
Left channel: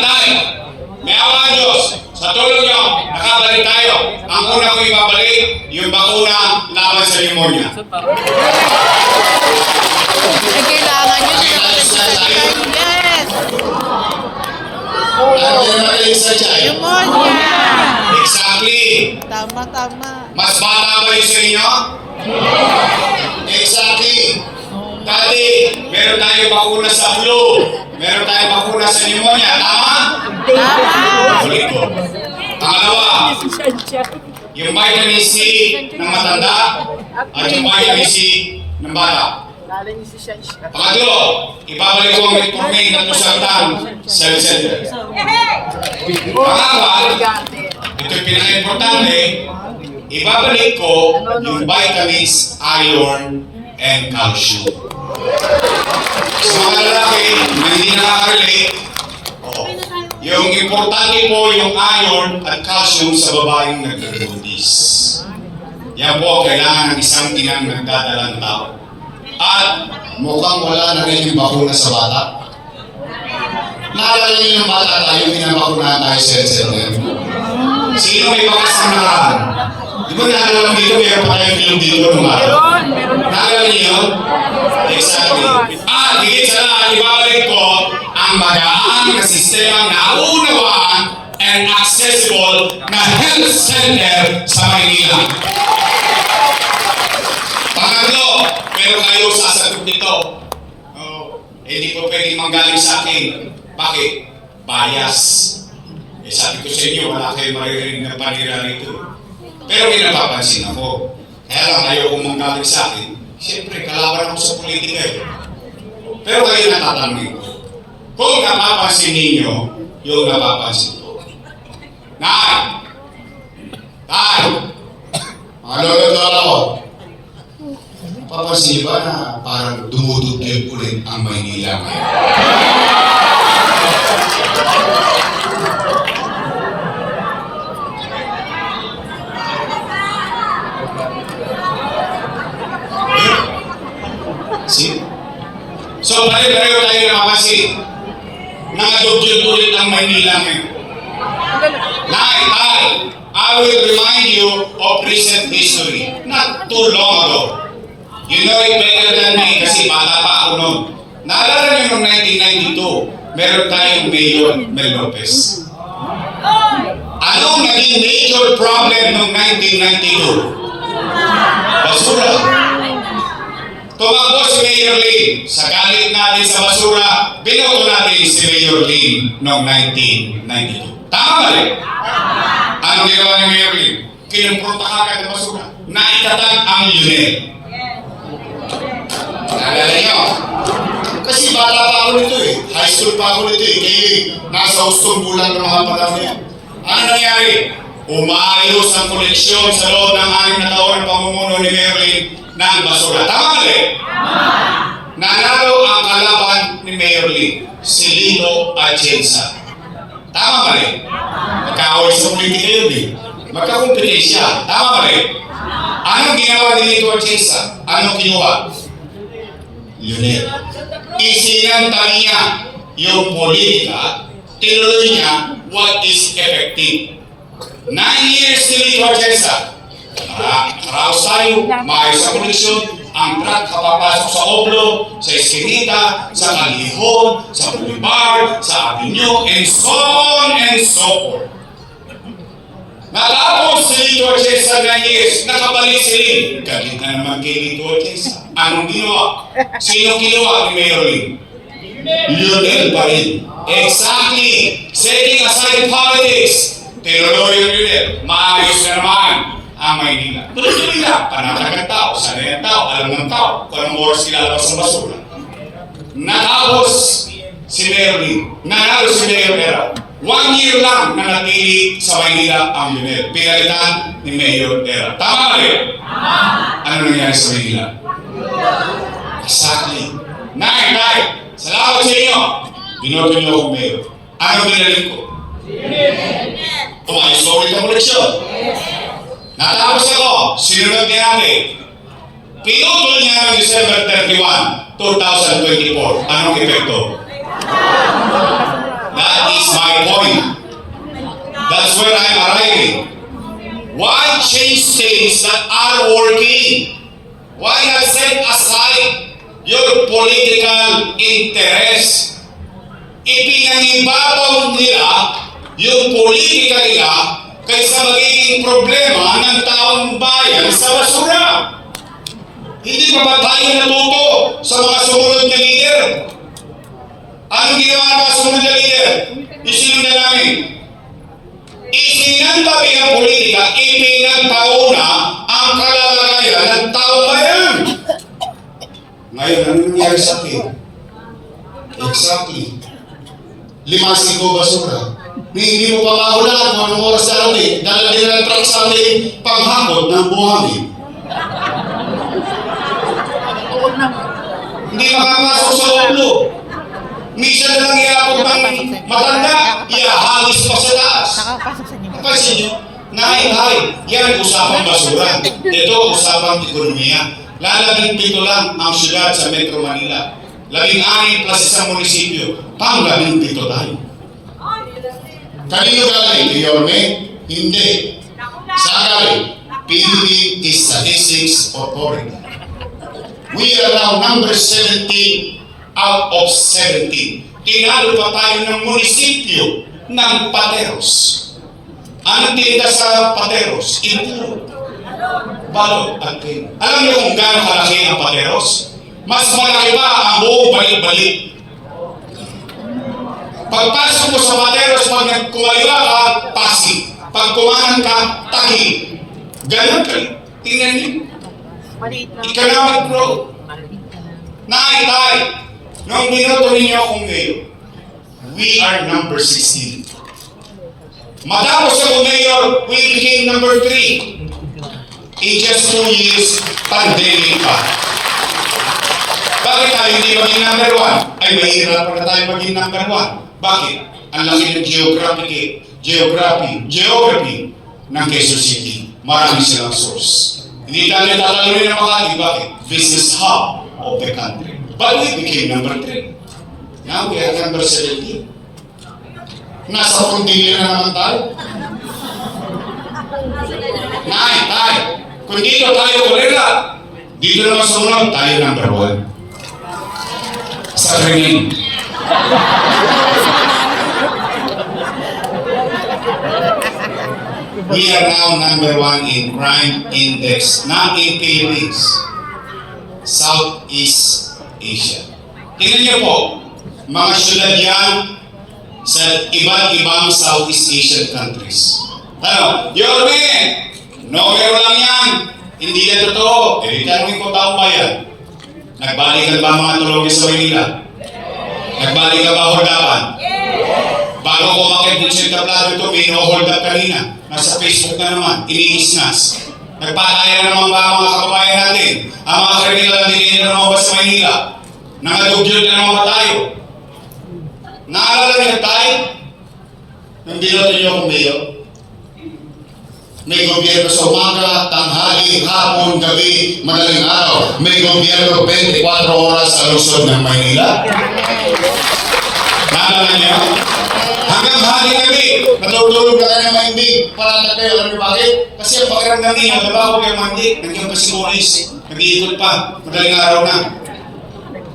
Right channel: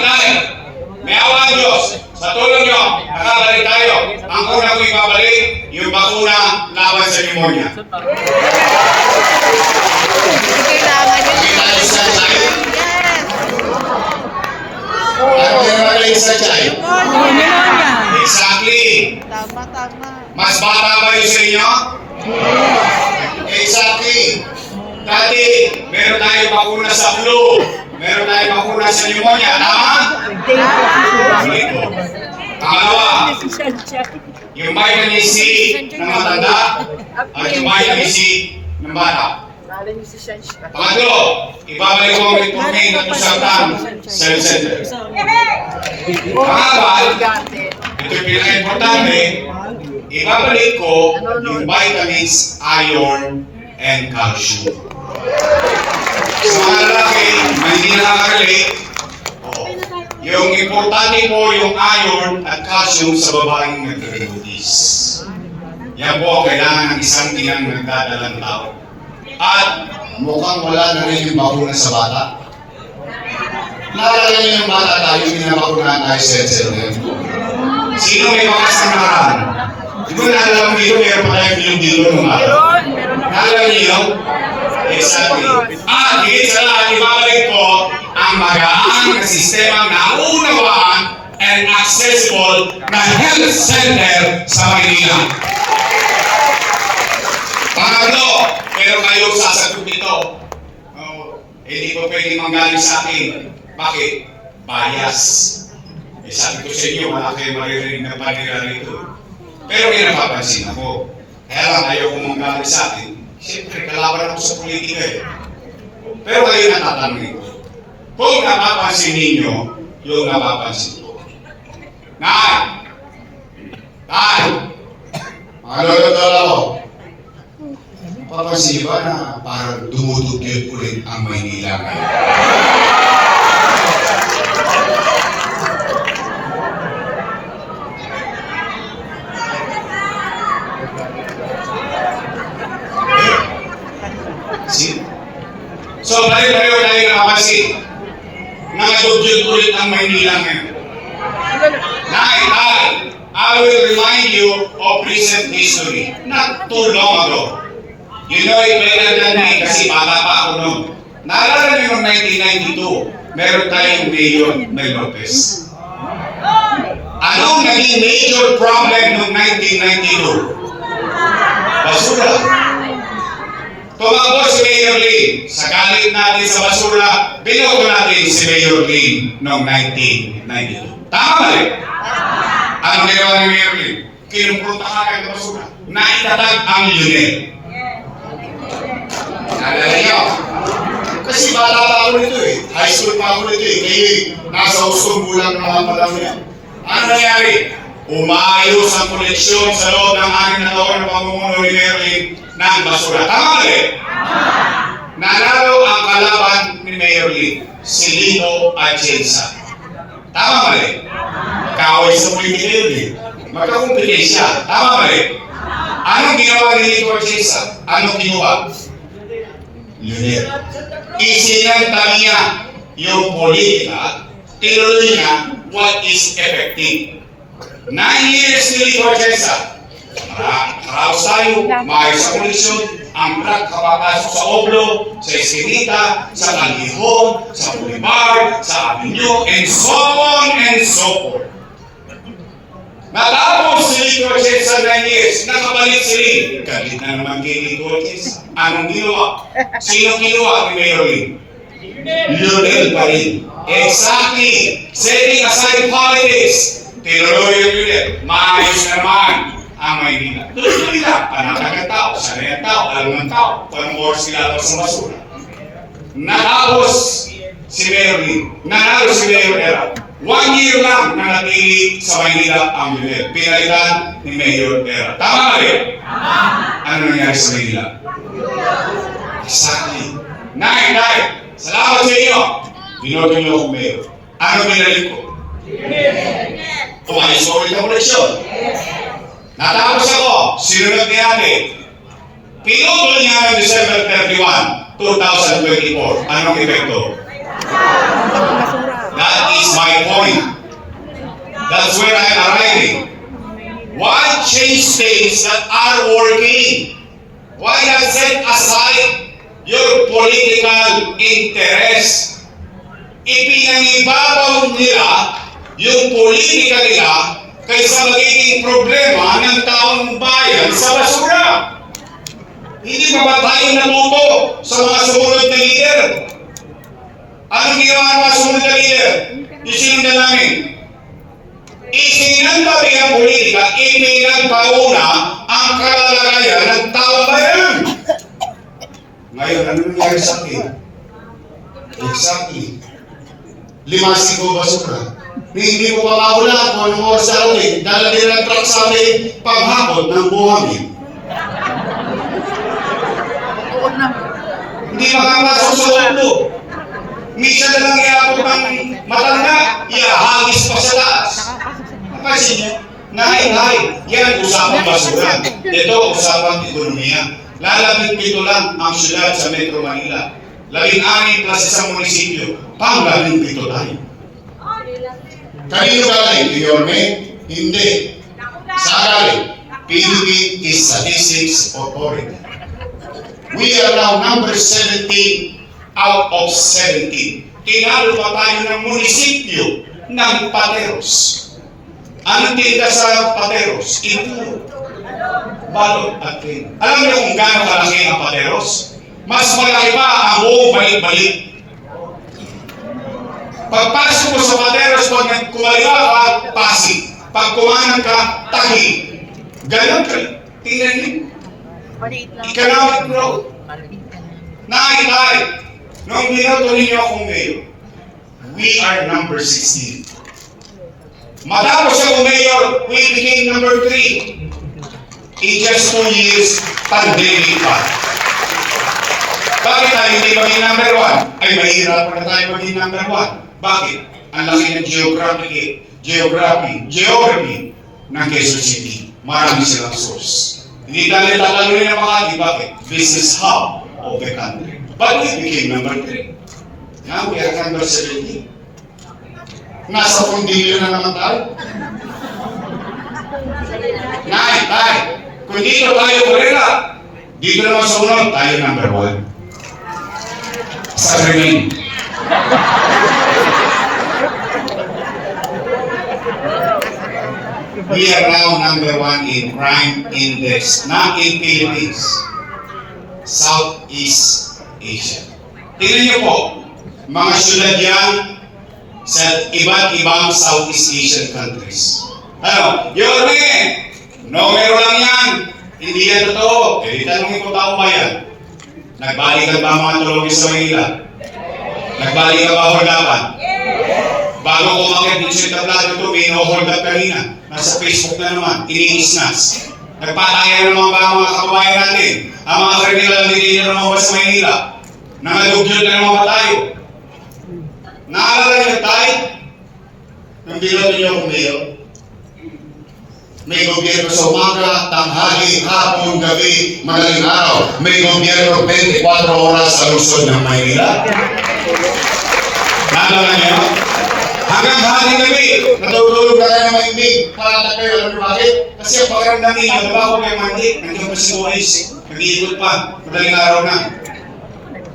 May awa ang Diyos. Sa tulong nyo, nakabalik tayo. Ang una ko ibabalik, yung bakuna laban sa pneumonia. Kailangan nyo. Nakita niyo sa tayo? Yes. Ano naman yung sa tayo? Pneumonia. Exactly. Tama. Mas bata ba yun sa inyo? Exactly. Dati, meron tayong bakuna sa flu. Meron tayong bakuna sa pneumonia. Tama? Ulit ko. Pangalawa, yung vitamin C ng matanda at yung vitamin C ng bata. Pangatlo, ibabalik ko ang metformin at losartan sa center. Pangapat, ito yung pinaka-importante, ibabalik ko yung vitamins, iron, and calcium. Sa mga lalaki na hindi nakaka-relate, yung importante po yung iron at calcium sa babaeng nagkakabuntis. Yan po ang kailangan ng isang tinang nagdadalang tao. At mukhang wala na rin yung bakuna sa bata. Naalala niyo yung bata tayo, hindi na bakuna tayo sa SNM. Sino may makasamahan? Di ba naalala mo dito, meron pa tayong bilog-bilog ng bata? Naalala niyo yun? Exactly. At higit sa lahat, ibabalik ko ang magaan na sistemang naunawaan and accessible na health center sa Maynila. Pangatlo, pero kayo sasagot nito, hindi ko pwedeng manggaling sa akin. Bakit? Bias. Sabi ko sa inyo, wala kayong maririnig na panira rito. Pero may napapansin ako. Kaya lang ayaw kong manggaling sa akin. Siyempre, kalaban ako sa politika eh. Pero kayo natatanong ko. Kung napapansin ninyo, yung napapansin ko. Nay! Ano yung dala ko? Papansin ba na parang dumudugyot ulit ang Maynila ngayon? See? So, pareho tayo nakapansin. Nangadugyot ulit ang Maynila ngayon. I will remind you of recent history. Not too long ago. You know it better than me kasi bata pa ako noon. Naalala niyo noong 1992, meron tayong Mayor Mel Lopez. Anong naging major problem noong 1992? Basura. Tumakbo si Mayor Lim. Sa galit natin sa basura, binoto natin si Mayor Lim noong 1992. Tama ba rin? Ang ginawa ng Mayor Lim, kinumprontahan ng basura. Naitatag ang UNED. Naalala niyo? Kasi bata pa ako nito eh. High school pa ako nito eh. Kayo nasa usong bulang ng mga panahon niya. Ano nangyari? Umayos ang koleksyon sa loob ng 6 na taon na pamumuno ni Mayor Lim ng basura. Tama rin? Nanalo ang kalaban ni Mayor Lim, si Lino Atienza. Tama rin? Magkaaway sa politika yun eh. Magkakumpetensya. Tama rin? Anong ginawa ni Lino Atienza? Anong ginawa? Unit. Isinanta niya yung politika, tinuloy niya what is effective. 9 years ni Lino Atienza. Haraos tayo, maayos sa koleksyon, ang truck kapapasok sa Oblo, sa Eskinita, sa Kalihon, sa Boulevard, sa Avenue, and so on and so forth. Natapos si Lino Atienza 9 years, nakabalik si Lim. Galit na naman kay Lino Atienza. Anong ginawa? Sino ginawa ni Mayor Lim? Lionel pa rin. Exactly. Setting aside politics. Tinuloy yung Lionel. Maayos na naman ang Maynila. Tuloy lang. Panatag ang tao, sanay ang tao, alam ng tao, kung anong oras kilala sa basura. Natapos si Mayor Lim. Nanalo si Mayor Era. 1 year lang na napili sa Maynila ang Lionel. Pinalitan ni Mayor Era. Tama ba rin? Ano nangyari sa Maynila? Exactly. Nay, salamat sa inyo. Binoto niyo ako Mayor. Ano binalik ko? Umayos ko ulit ang koleksyon. Natapos ako, sinunod ni Ani. Pinutol niya ng December 31, 2024. Anong epekto? That is my point. That's where I'm arriving. Why change things that are working? Why not set aside your political interest? Ipinangibabaw nila yung politika nila kaysa magiging problema ng taong bayan sa basura. Hindi pa ba tayo natuto sa mga sumunod na leader? Anong ginawa ng mga sumunod na leader? Isinundan namin. Isinantabi ang politika, ipinagpauna ang kalalagayan ng taong bayan. Ngayon, ano nangyari sa akin? Exactly. 5 basura. Hindi mo pa maulan kung anong oras sa amin. Dalagay ng truck sa amin panghapon ng buhangin. Hindi makapasok sa ulo. Minsan na lang iapot ng matanda, iahagis pa sa taas. Kasi nahay, yan usapang basura. Ito usapang ekonomiya. Lalabing 7 lang ang syudad sa Metro Manila. 16 plus isang munisipyo. Panggaling 7 tayo. Kanino galing? Yorme? Hindi. Saan galing? PDP is Statistics Authority. We are now number 17 out of 17. Tinalo pa tayo ng munisipyo ng Pateros. Anong tinda sa Pateros? Ito. Balot at king. Alam niyo kung gaano kalaki ang Pateros? Mas malaki pa ang buong balik-balik. Pagpasok mo sa Pateros, pag kumaliwa ka, Pasig. Pag kumanan ka, Tahi. Ganon ka. Tingnan niyo. Economic growth. Nakitay. Nung binoto ninyo akong mayor, we are number 16. Matapos ako mayor, we became number 3. In just 2 years, pandemic pa. Bakit tayo hindi maging number 1? Ay, mahirap pa na tayo maging number 1. Bakit? Ang laki ng geography ng Quezon City. Marami silang source. Hindi tayo tatalunin ng mga hindi. Bakit? Business hub of the country. But we became number 3. Now we are number 17. Nasa kondilyo na naman tayo. Tay. Kung dito tayo kurela, dito naman sa unang tayo number 1. Sa ringin. We are now number 1 in crime index, not in Philippines, Southeast Asia. Tingnan niyo po, mga syudad yan sa iba't ibang Southeast Asian countries. Ano? Yorme! Numero lang yan! Hindi yan totoo. Eh, tanongin ko taong bayan. Nagbalikan ba mga tulog sa Manila? Nagbalikan ba hordapan? Bago ko makikita sa tablado ito, may no-hold up kanina. Nasa Facebook na naman, iniisnas. Nagpatayan naman ba ang mga kababayan natin? Ang mga kriminal na dinila naman ba sa Manila? Nangadugyot na naman ba tayo? Naalala niyo tayo? Nang binoto niyo akong mayor? May gobyerno sa umaga, tanghali, hapon, gabi, madaling araw. May gobyerno 24 oras sa lungsod ng Maynila. Naalala niyo? Hanggang hali gabi, natutulog ka na ng maimig para na kayo. Ano bakit? Kasi ang pakiramdam niya, nababago kayo mandik, nandiyan pa si Maurice, nag-iikot pa, madaling araw na.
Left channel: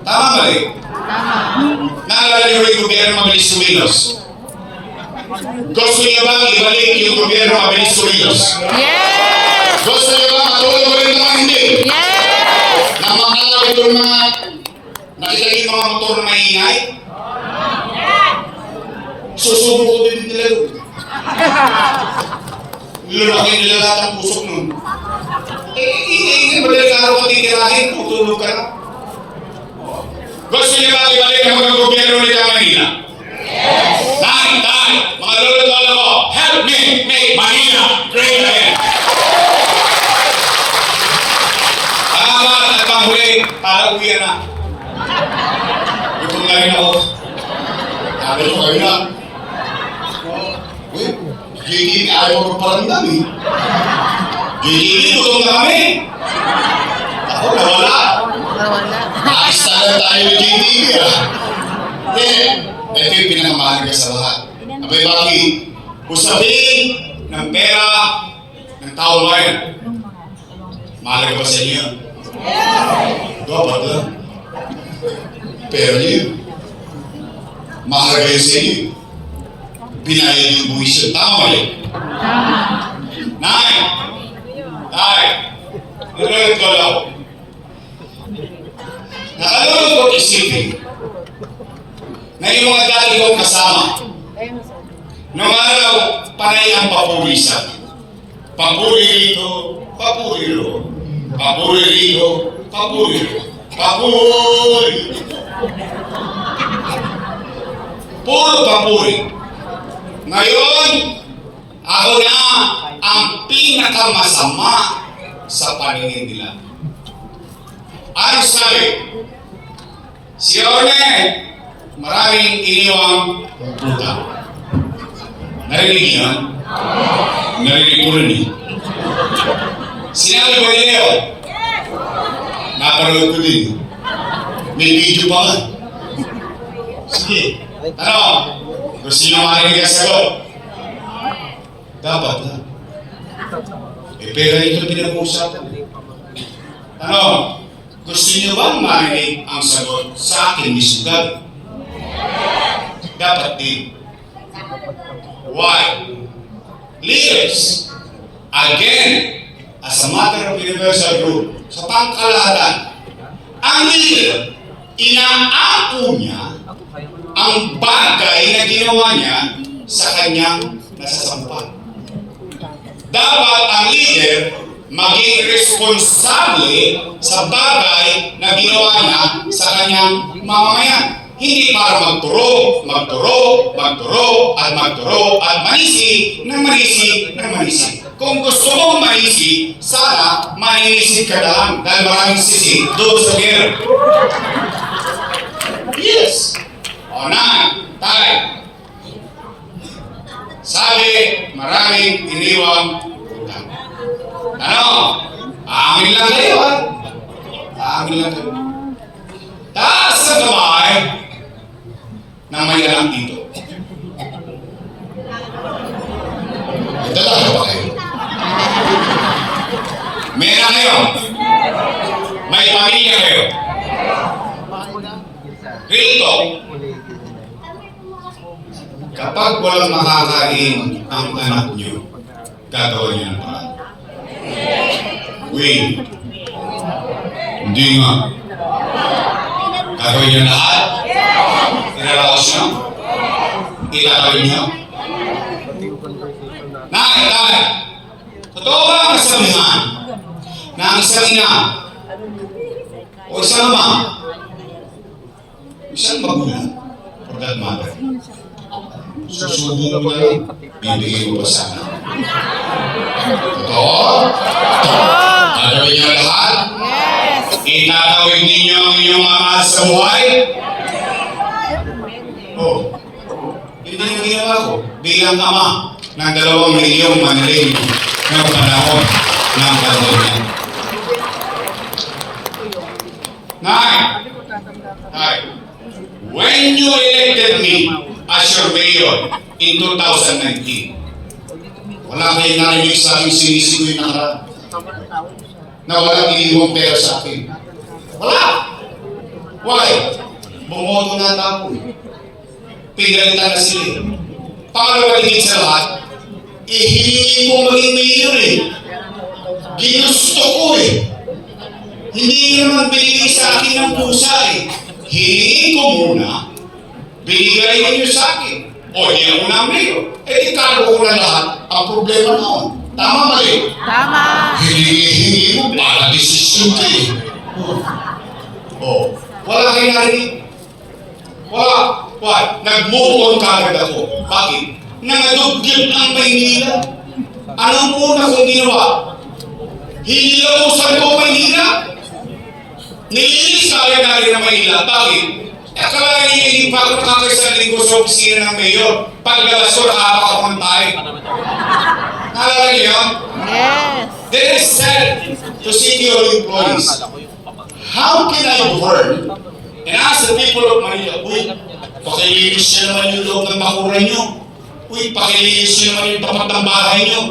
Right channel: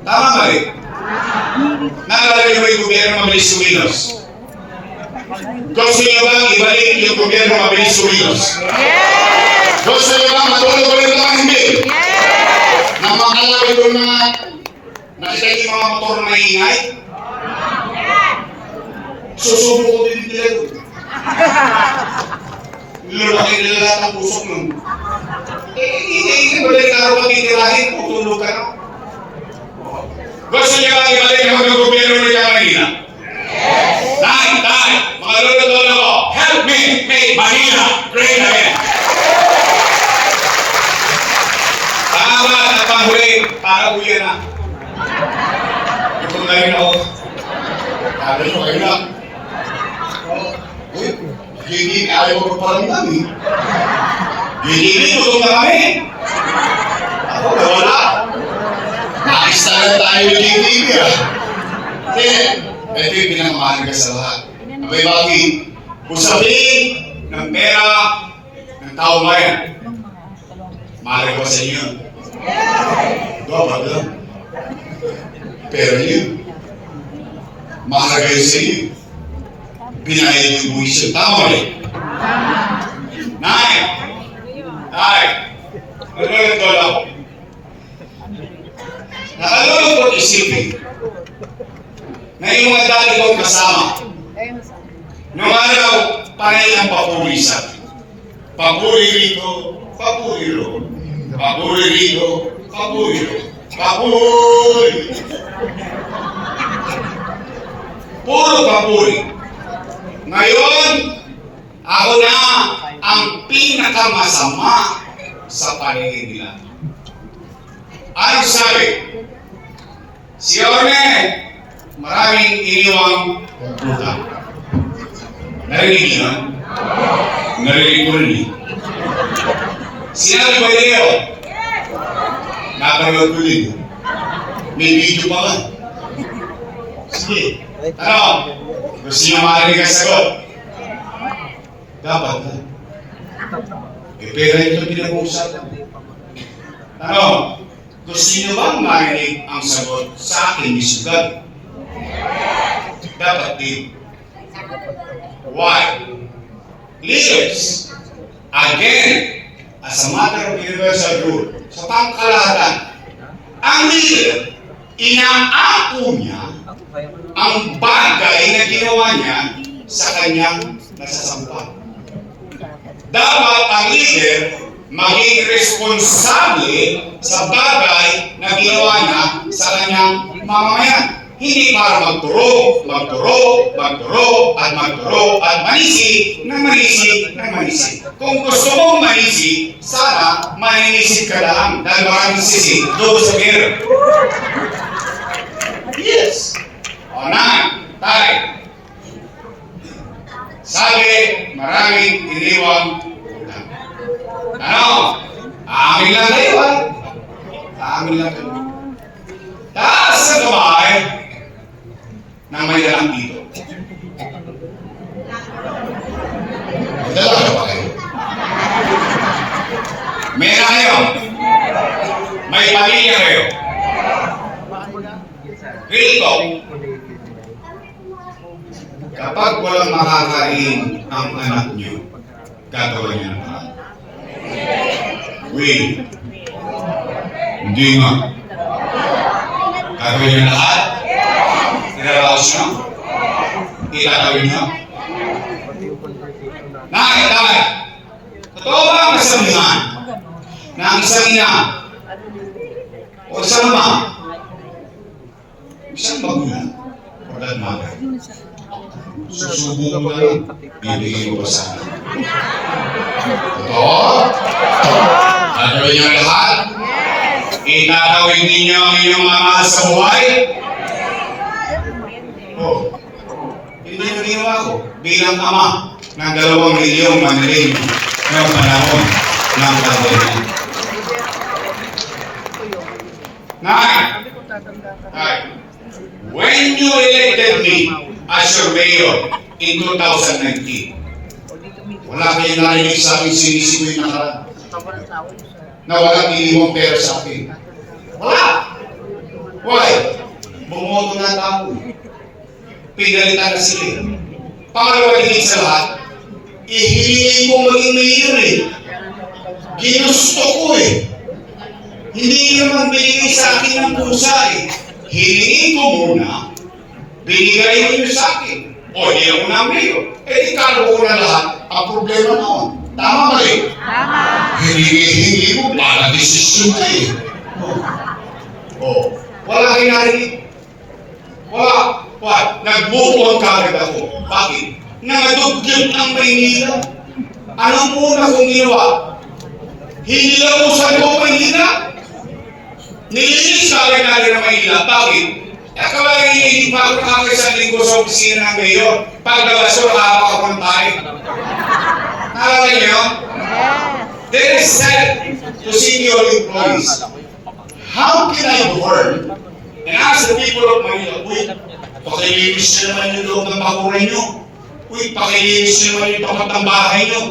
Tama ba eh? Naalala niyo ba yung gobyerno mabilis kumilos? Gusto niyo bang ibalik yung gobyerno mabilis kumilos? Yes! Gusto niyo bang matulog ulit naman hindi? Yes! Na makalaw itong mga nakita yung mga motor na ingay? Susubo ko din nila doon. Lulaki nila lahat ang pusok nun. Hindi mo din araw matitirahin kung tulog ka na. Gusto niyo bang ibalik ang mga gobyerno ulit ang Manila? Dahil, mga lolo-lolo ko, help me make Manila great again. Tama at pahuli para uwi na. Ito na rin ako. Sabi ko kayo na. GDP ayaw ko parang kami. GDP tutong kami. Ako wala. Nakistala tayo yung GDP ah. Ito yung pinakamahalaga sa lahat. Abay bakit? usapin ng pera ng taong bayan. Mahalaga ba sa inyo? Dapat lang. Pero yun, mahalaga yun sa inyo. Binayad yung buwis yun. Tama ba yun? Nay! Nay! Naglalagay ko lang. Nakalulungkot isipin na yung mga dati kong kasama, noong araw, panay ang papuri sa akin. Papuri rito, papuri roon. Papuri rito, papuri roon. Papuri! Puro papuri. Ngayon, ako na ang pinakamasama sa paningin nila. Ano sabi? Si Orne, maraming iniwang utang. Narinig niyo yan? Narinig ko rin eh. Sinabi ba niyo? Napanood ko din. May video pa nga. Sige. Ano? Kung sino marinig ang sagot? Dapat na. Eh, pera ito pinag-uusapan. Ano? Gusto niyo bang marinig ang sagot sa akin ni Sugad? Dapat din. Why? Leaders, again, as a matter of universal rule, sa pangkalahatan, ang leader, inaako niya ang bagay na ginawa niya sa kanyang nasasampal. Dapat ang leader maging responsable sa bagay na ginawa niya sa kanyang mamamayan. Hindi para magturo, at manisi, ng manisi. Kung gusto mong manisi, sana maninisid ka lang dahil maraming sisi. Doon sa here. Yes. O na, tayo. Sabi, maraming iniwang utang. Ano? Amin lang kayo, ha? Amin lang kayo. Taas sa kamay na may alam dito. Dalawa pa kayo. Meron kayo. May pamilya kayo. Rito. Kapag walang makakain ang anak nyo, gagawin nyo na parang. Wait. Hindi nga. Gagawin nyo lahat? Iralaos nyo? Itatawin nyo? Nakakita! Totoo ba ang kasamihan na ang isang ina o isang ama, isang magulang, for that matter, susubok mo na lang, bibigay mo pa sana. Totoo? Gagawin nyo lahat? Itatawin ninyo ang inyong mga sa buhay? Oh, hindi yung ginawa ko bilang ama ng 2 milyong manlin ng panahon ng pandemya. When you elected me as your mayor in 2019, wala kayong narinig sa aking sinisigoy na karaan na walang iniwang pera sa akin. Wala! Why? Bumoto na ako eh. Pinalitan na sila. Pangalawa din sa lahat, ihilingi ko maging mayor eh. Ginusto ko eh. Hindi naman binigay sa akin ng pusa eh. Hilingi ko muna, binigay ninyo sa akin. O hindi ako na mayor. Eh ikalo ko na lahat ang problema noon. Tama ba eh? Tama. Hilingi mo, wala desisyon ka eh. Wala kayo narinig. Wala. What? Nag-move on kagad ako. Bakit? Nangadugyot ang Maynila. Anong una kong ginawa? Hindi ako sa loob Maynila. Nilinis kagad natin ng Maynila. Bakit? Akala hindi pa ako nakakasanding ko sa opisina ng mayor. Paglabas ko, nakahawak ako ng tayo. Nalala niyo yun? Yes. They said to senior employees, how can I work and ask the people of Manila, uy, pakilinis siya naman yung loob ng bakuran nyo. Uy, pakilinis nyo naman yung tapat ng bahay nyo.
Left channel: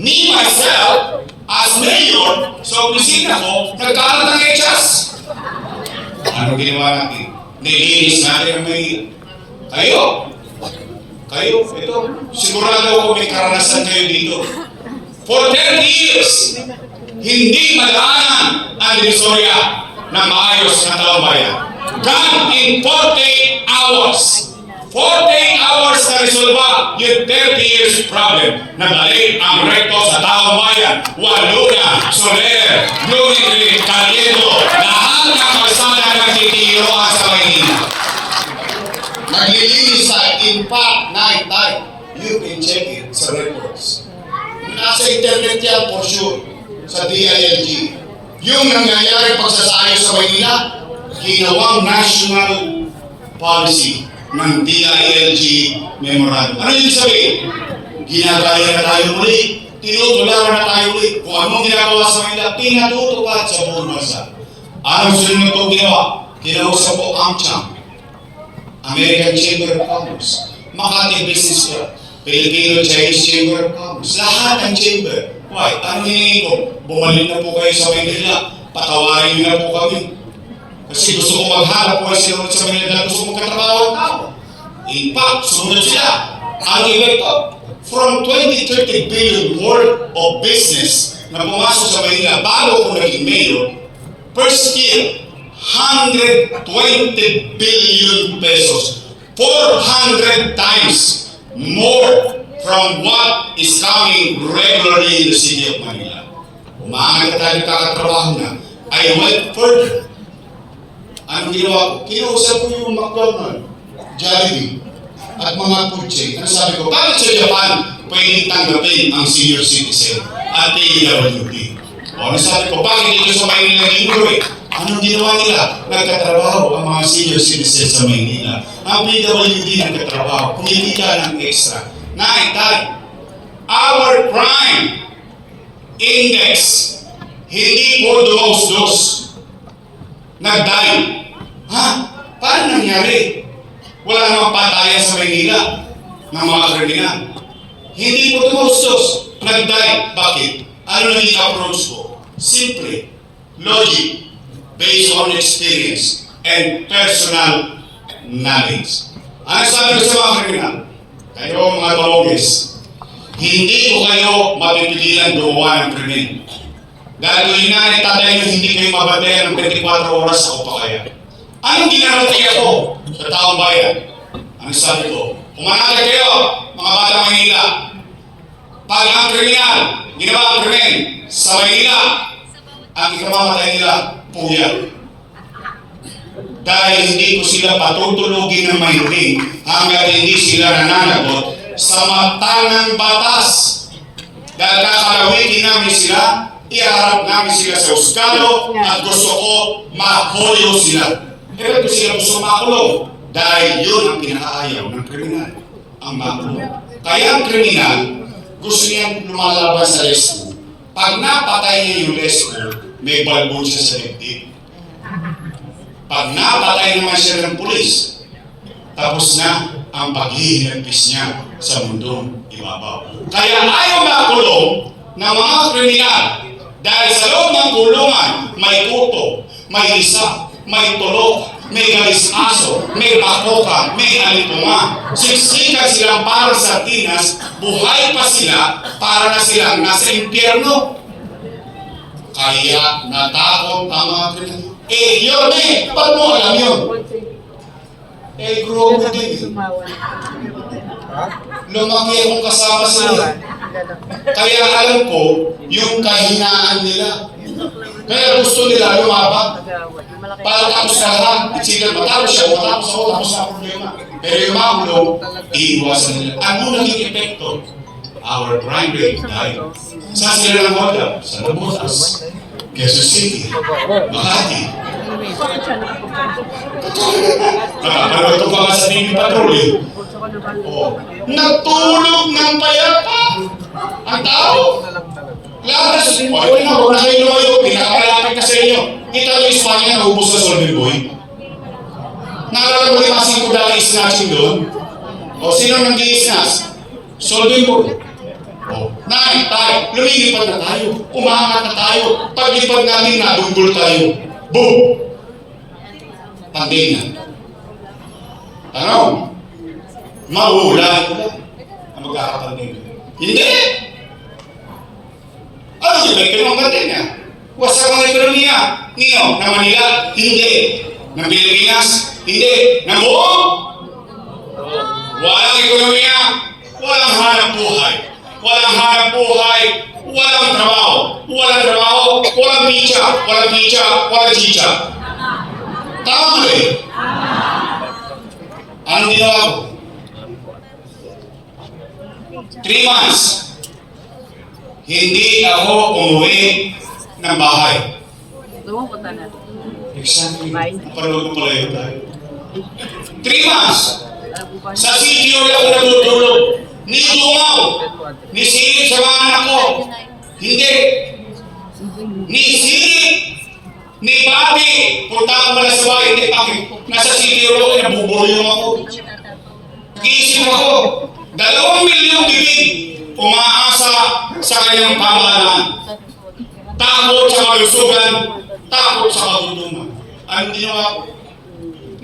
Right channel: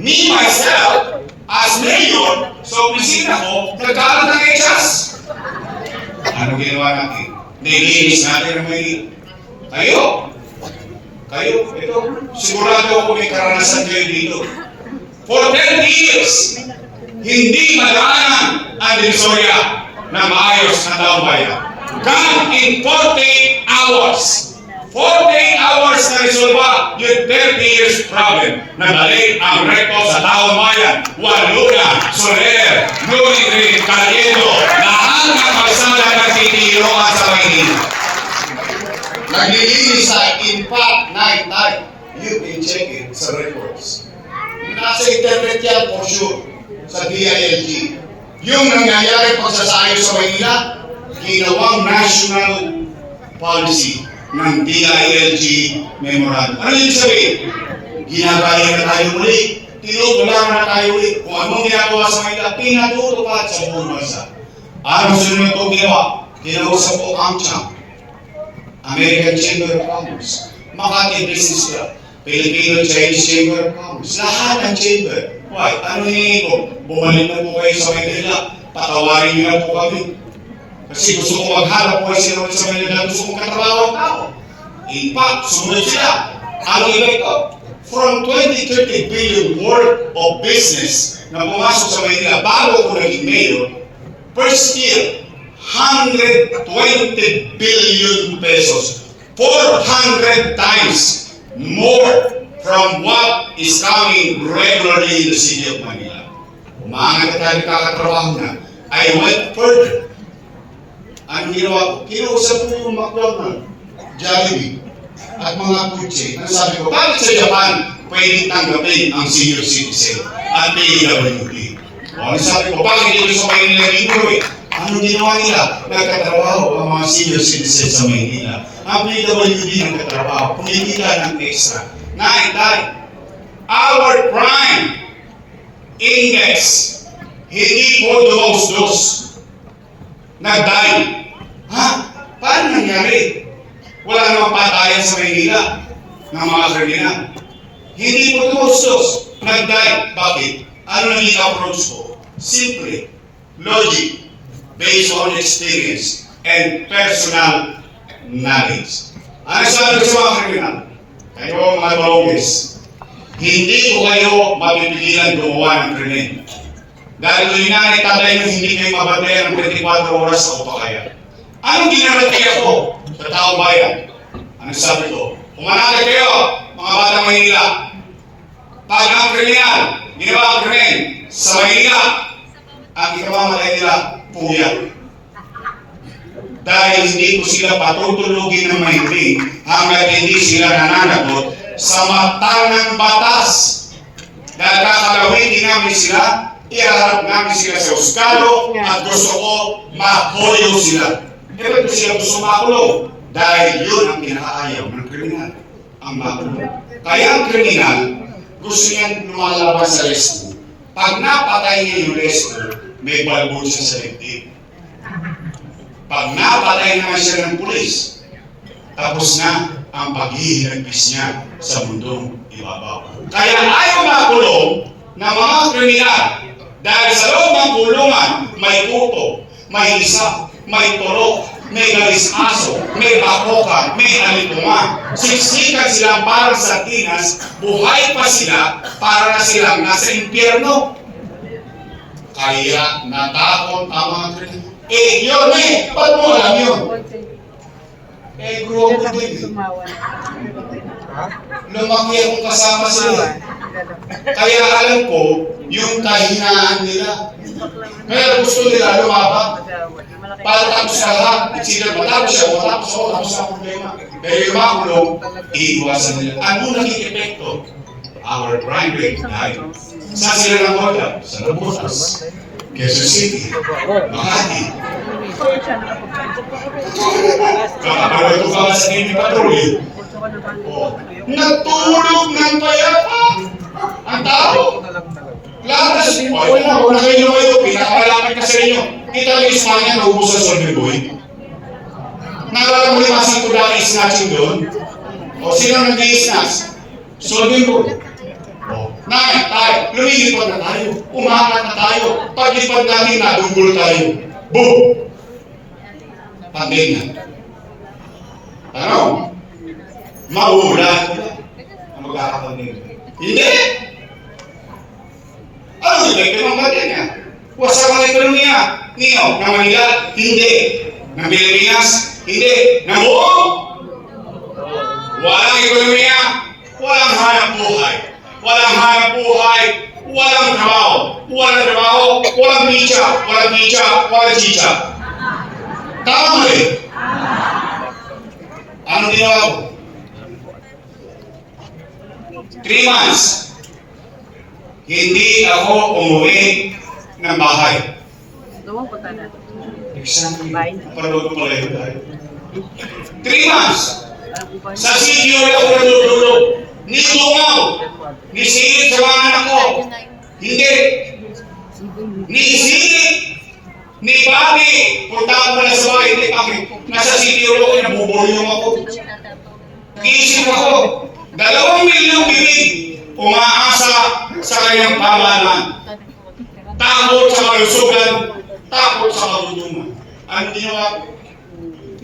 Me, myself, as mayor, sa opisina ko, nagkalat ng echas. Ano ginawa natin? Nilinis natin ang may... Kayo, ito, sigurado ako may karanasan kayo dito. For 10 years, hindi madaanan ang Divisoria ng ayos na taumbayan. Gone in 48 hours. 48 hours na resolva yung 30 years problem. Nagdali ang rekto sa taong bayan. Walula, Soler, Glory, Caliendo, lahat ng kalsada na titiloan sa Maynila. Naglilinis sa impact night time. You can check it sa records. Nasa internet yan for sure. Sa DILG. Yung nangyayari pagsasayo sa Maynila, ginawang national policy ng DILG memorandum. Ano yung sabihin? Ginagaya na tayo muli. Tinutularan na tayo muli. Kung anong ginagawa sa Maynila, pinatutupad sa buong bansa. Ano sunod ito ginawa? Kinausap po ang CHAM, American Chamber of Commerce, Makati Business Club, Filipino-Chinese Chamber of Commerce, lahat ng chamber. Why? Ano hinihingi ko? Bumalik na po kayo sa Maynila. Patawarin niyo na po kami. Kasi gusto ko maghanap po sila sa Maynila. Gusto ko katrabaho ang tao. In fact, sumunod sila. Ano ito? From 20-30 billion worth of business na pumasok sa Maynila bago ko naging mayor, first year, 120 billion pesos. 400 times more from what is coming regularly in the city of Manila. Umaangat tayo kakatrabaho na. I went further. Ang ginawa ko, kinausap ko yung McDonald's, Jollibee, at mga kutse. Ang sabi ko, bakit sa Japan pwedeng tanggapin ang senior citizen at PWD? O, sabi ko, bakit dito sa Maynila libre? Ano ginawa nila? Nagkatrabaho ang mga senior citizen sa Maynila. Ang PWD nagkatrabaho, kumikita ng extra. Naitay, our crime index hindi po dumausdos. Nagday. Ha? Paano nangyari? Wala namang patayan sa Maynila ng mga kriminal. Hindi po dumausdos. Nagday. Bakit? Ano naging approach ko? Simple. Logic. Based on experience and personal knowledge. Ano sabi ko sa mga kriminal? Kayo mga malugis, hindi ko kayo mapipigilan gumawa ng krimen. Dahil kung inanay tatay nyo, hindi kayo mababayan ng 24 oras sa upakaya. Anong ginagawa ko sa taong bayan? Ang sabi ko, pumanali kayo, mga batang Maynila. Pag ang kriminal, ginawa ang krimen sa Maynila, ang ikamamatay nila, puya. Dahil hindi ko sila patutulugin ng mahiling hanggang hindi sila nananagot sa mata ng batas. Dahil kakalawitin namin sila, iharap namin sila sa oskalo at gusto ko makoyo sila. Kaya sila gusto makulong dahil yun ang pinakaayaw ng kriminal, ang makulong. Kaya ang kriminal, gusto niyang lumalabas sa rescue. Pag napatay niya yung rescue, may balbon siya sa dibdib. Pag napatay naman siya ng pulis, tapos na ang paghihirapis niya sa mundong ibabaw. Kaya ayaw makulong ng mga kriminal dahil sa loob ng kulungan may kuto, may isa, may tulok, may galis-aso, may bakokan, may alitunga. Siksikan silang para sa tinas, buhay pa sila para na silang nasa impyerno. Kaya natakot ang mga kriminal. Yun ba't mo alam yun? Grow ko din. Lumaki akong kasama sila. Kaya alam ko yung kahinaan nila. Kaya gusto nila lumabang. Para tapos na lahat, sila matapos siya, matapos ako, tapos na problema. Pero yung makulong, iiwasan nila. Ano naging epekto? Our crime rate died. Saan sila ng order? Sa Nabotas, Quezon City, Makati. Nakapanood ko nga sa Navy Patrol. Nagtulog ng payapa ang tao. Lakas, wala na, wala kayo ngayon, pinakamalapit na sa inyo. Kita yung Ismanya na ubos sa Solvay Boy. Naalala mo yung masang kulang snatching doon? O sino nang i-snatch? Solving ko. Nay, tay, lumilipad na tayo. Umakat na tayo. Paglipad natin, nadugol tayo. Boom! Tagin na. Ano? Maulan. Ang magkakapagin. Hindi! Ano yung ekonomiya niya? Wasak ang ekonomiya. Niyo, ng Manila? Hindi. Ng Pilipinas? Hindi. Ng buong? Walang ekonomiya. Walang hanap buhay. Walang hanap buhay. Walang trabaho. Walang trabaho. Walang pizza. Walang pizza. Walang chicha. Tama mo eh. Ano ginawa ko? 3 months. Hindi ako umuwi ng bahay. Lumupunta na. Exactly. Panood ko lang tayo. 3 months. Sa CGO ako natutulog. Nilungaw. Nisilip sa mga anak ko. Hindi. Nisilip. Ni Bobby. Punta ako pala sa bahay. Hindi kami. Nasa CGO ako. Nabubulyong ako. Isip ako. 2 milyong bibig. Umaasa sa kanyang pamahalaan. Takot sa kalusugan. Takot sa kabunungan. Ang ginawa ko?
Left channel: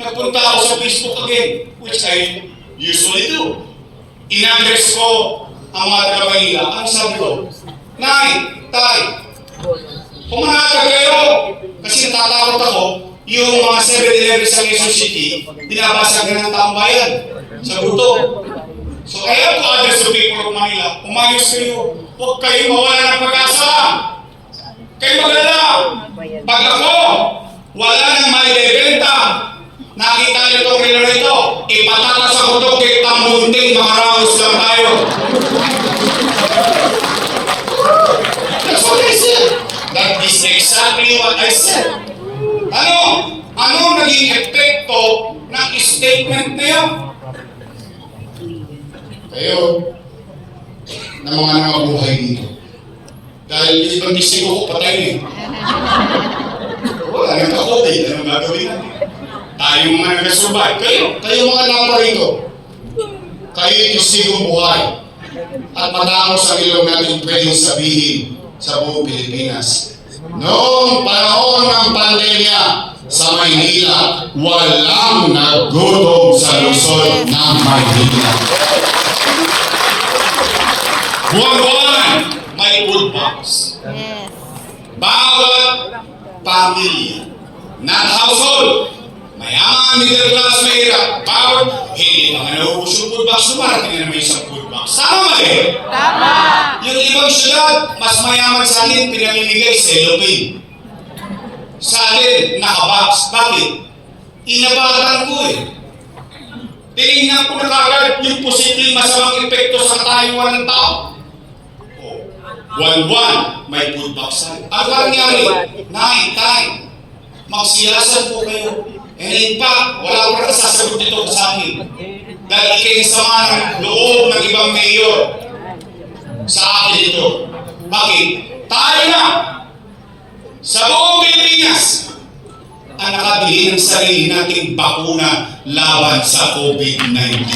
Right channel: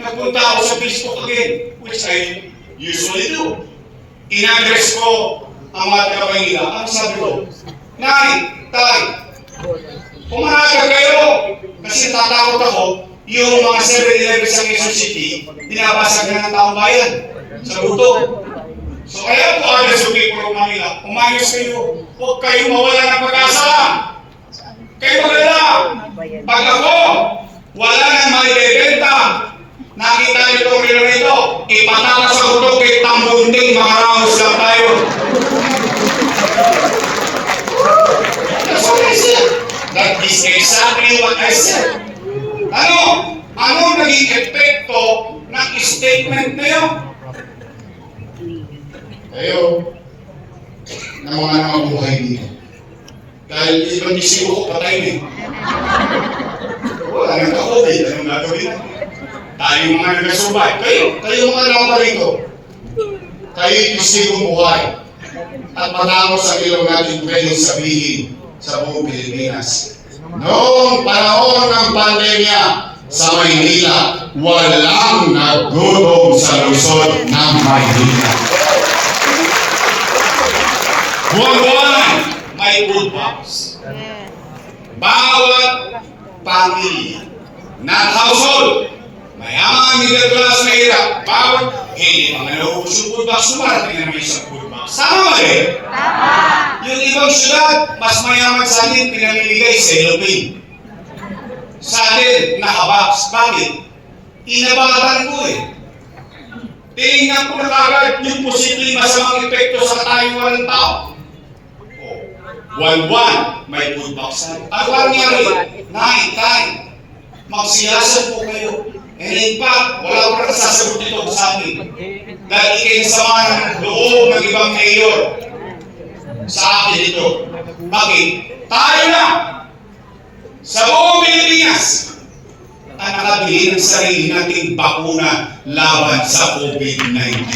Nagpunta ako sa Facebook again, which I usually do. In-address ko ang mga taga-Manila. Ang sabi ko, Nay, Tay, umaga kayo. Kasi tatakot ako, yung mga 7-Eleven sa Quezon City, binabasag na ng taong bayan sa buto. So kaya po agad sa people ng Manila, umayos kayo. Huwag kayo mawala ng pag-asa. Kayo magalala. Pag ako, wala nang may bebenta. Nakita niyo itong milyon ito, ipatakas sa kuto kay tambunting mga raos lang tayo. That's what I said. That is exactly what I said. Ano? Ano naging epekto ng statement na yun? Kayo, na mga namabuhay dito. Dahil ibang disigo ko patay na eh. Wala nang ka-COVID, anong gagawin natin? Tayo mga nag-survive. Kayo mga nakapa rito. Kayo yung buhay. At matangos sa ilong natin kayo sabihin sa buong Pilipinas. Noong panahon ng pandemya sa Maynila, walang nagutom sa Luzon ng Maynila. Buwan-buwan, may food box. Bawat pamilya, not household, mayaman, middle class, mahirap, bawat, hindi mga naubos yung food box, sumarating na may isang food box. Sama eh? Tama! Yung ibang syudad, mas mayaman sa atin, pinamimigay sa Ilocin. Sa atin, nakabox. Bakit? Inabatan ko eh. Tingnan ko na kagad yung posibleng masamang epekto sa katayuan ng tao. Buwan-buwan, may food box na. Ang nangyari, 9 time, magsiyasan po kayo. And in fact, wala ko na sasagot ito sa akin. Dahil kayo sama ng loob ng ibang mayor sa akin ito. Bakit? Tayo na sa buong Pilipinas ang nakabili ng sarili nating bakuna laban sa COVID-19.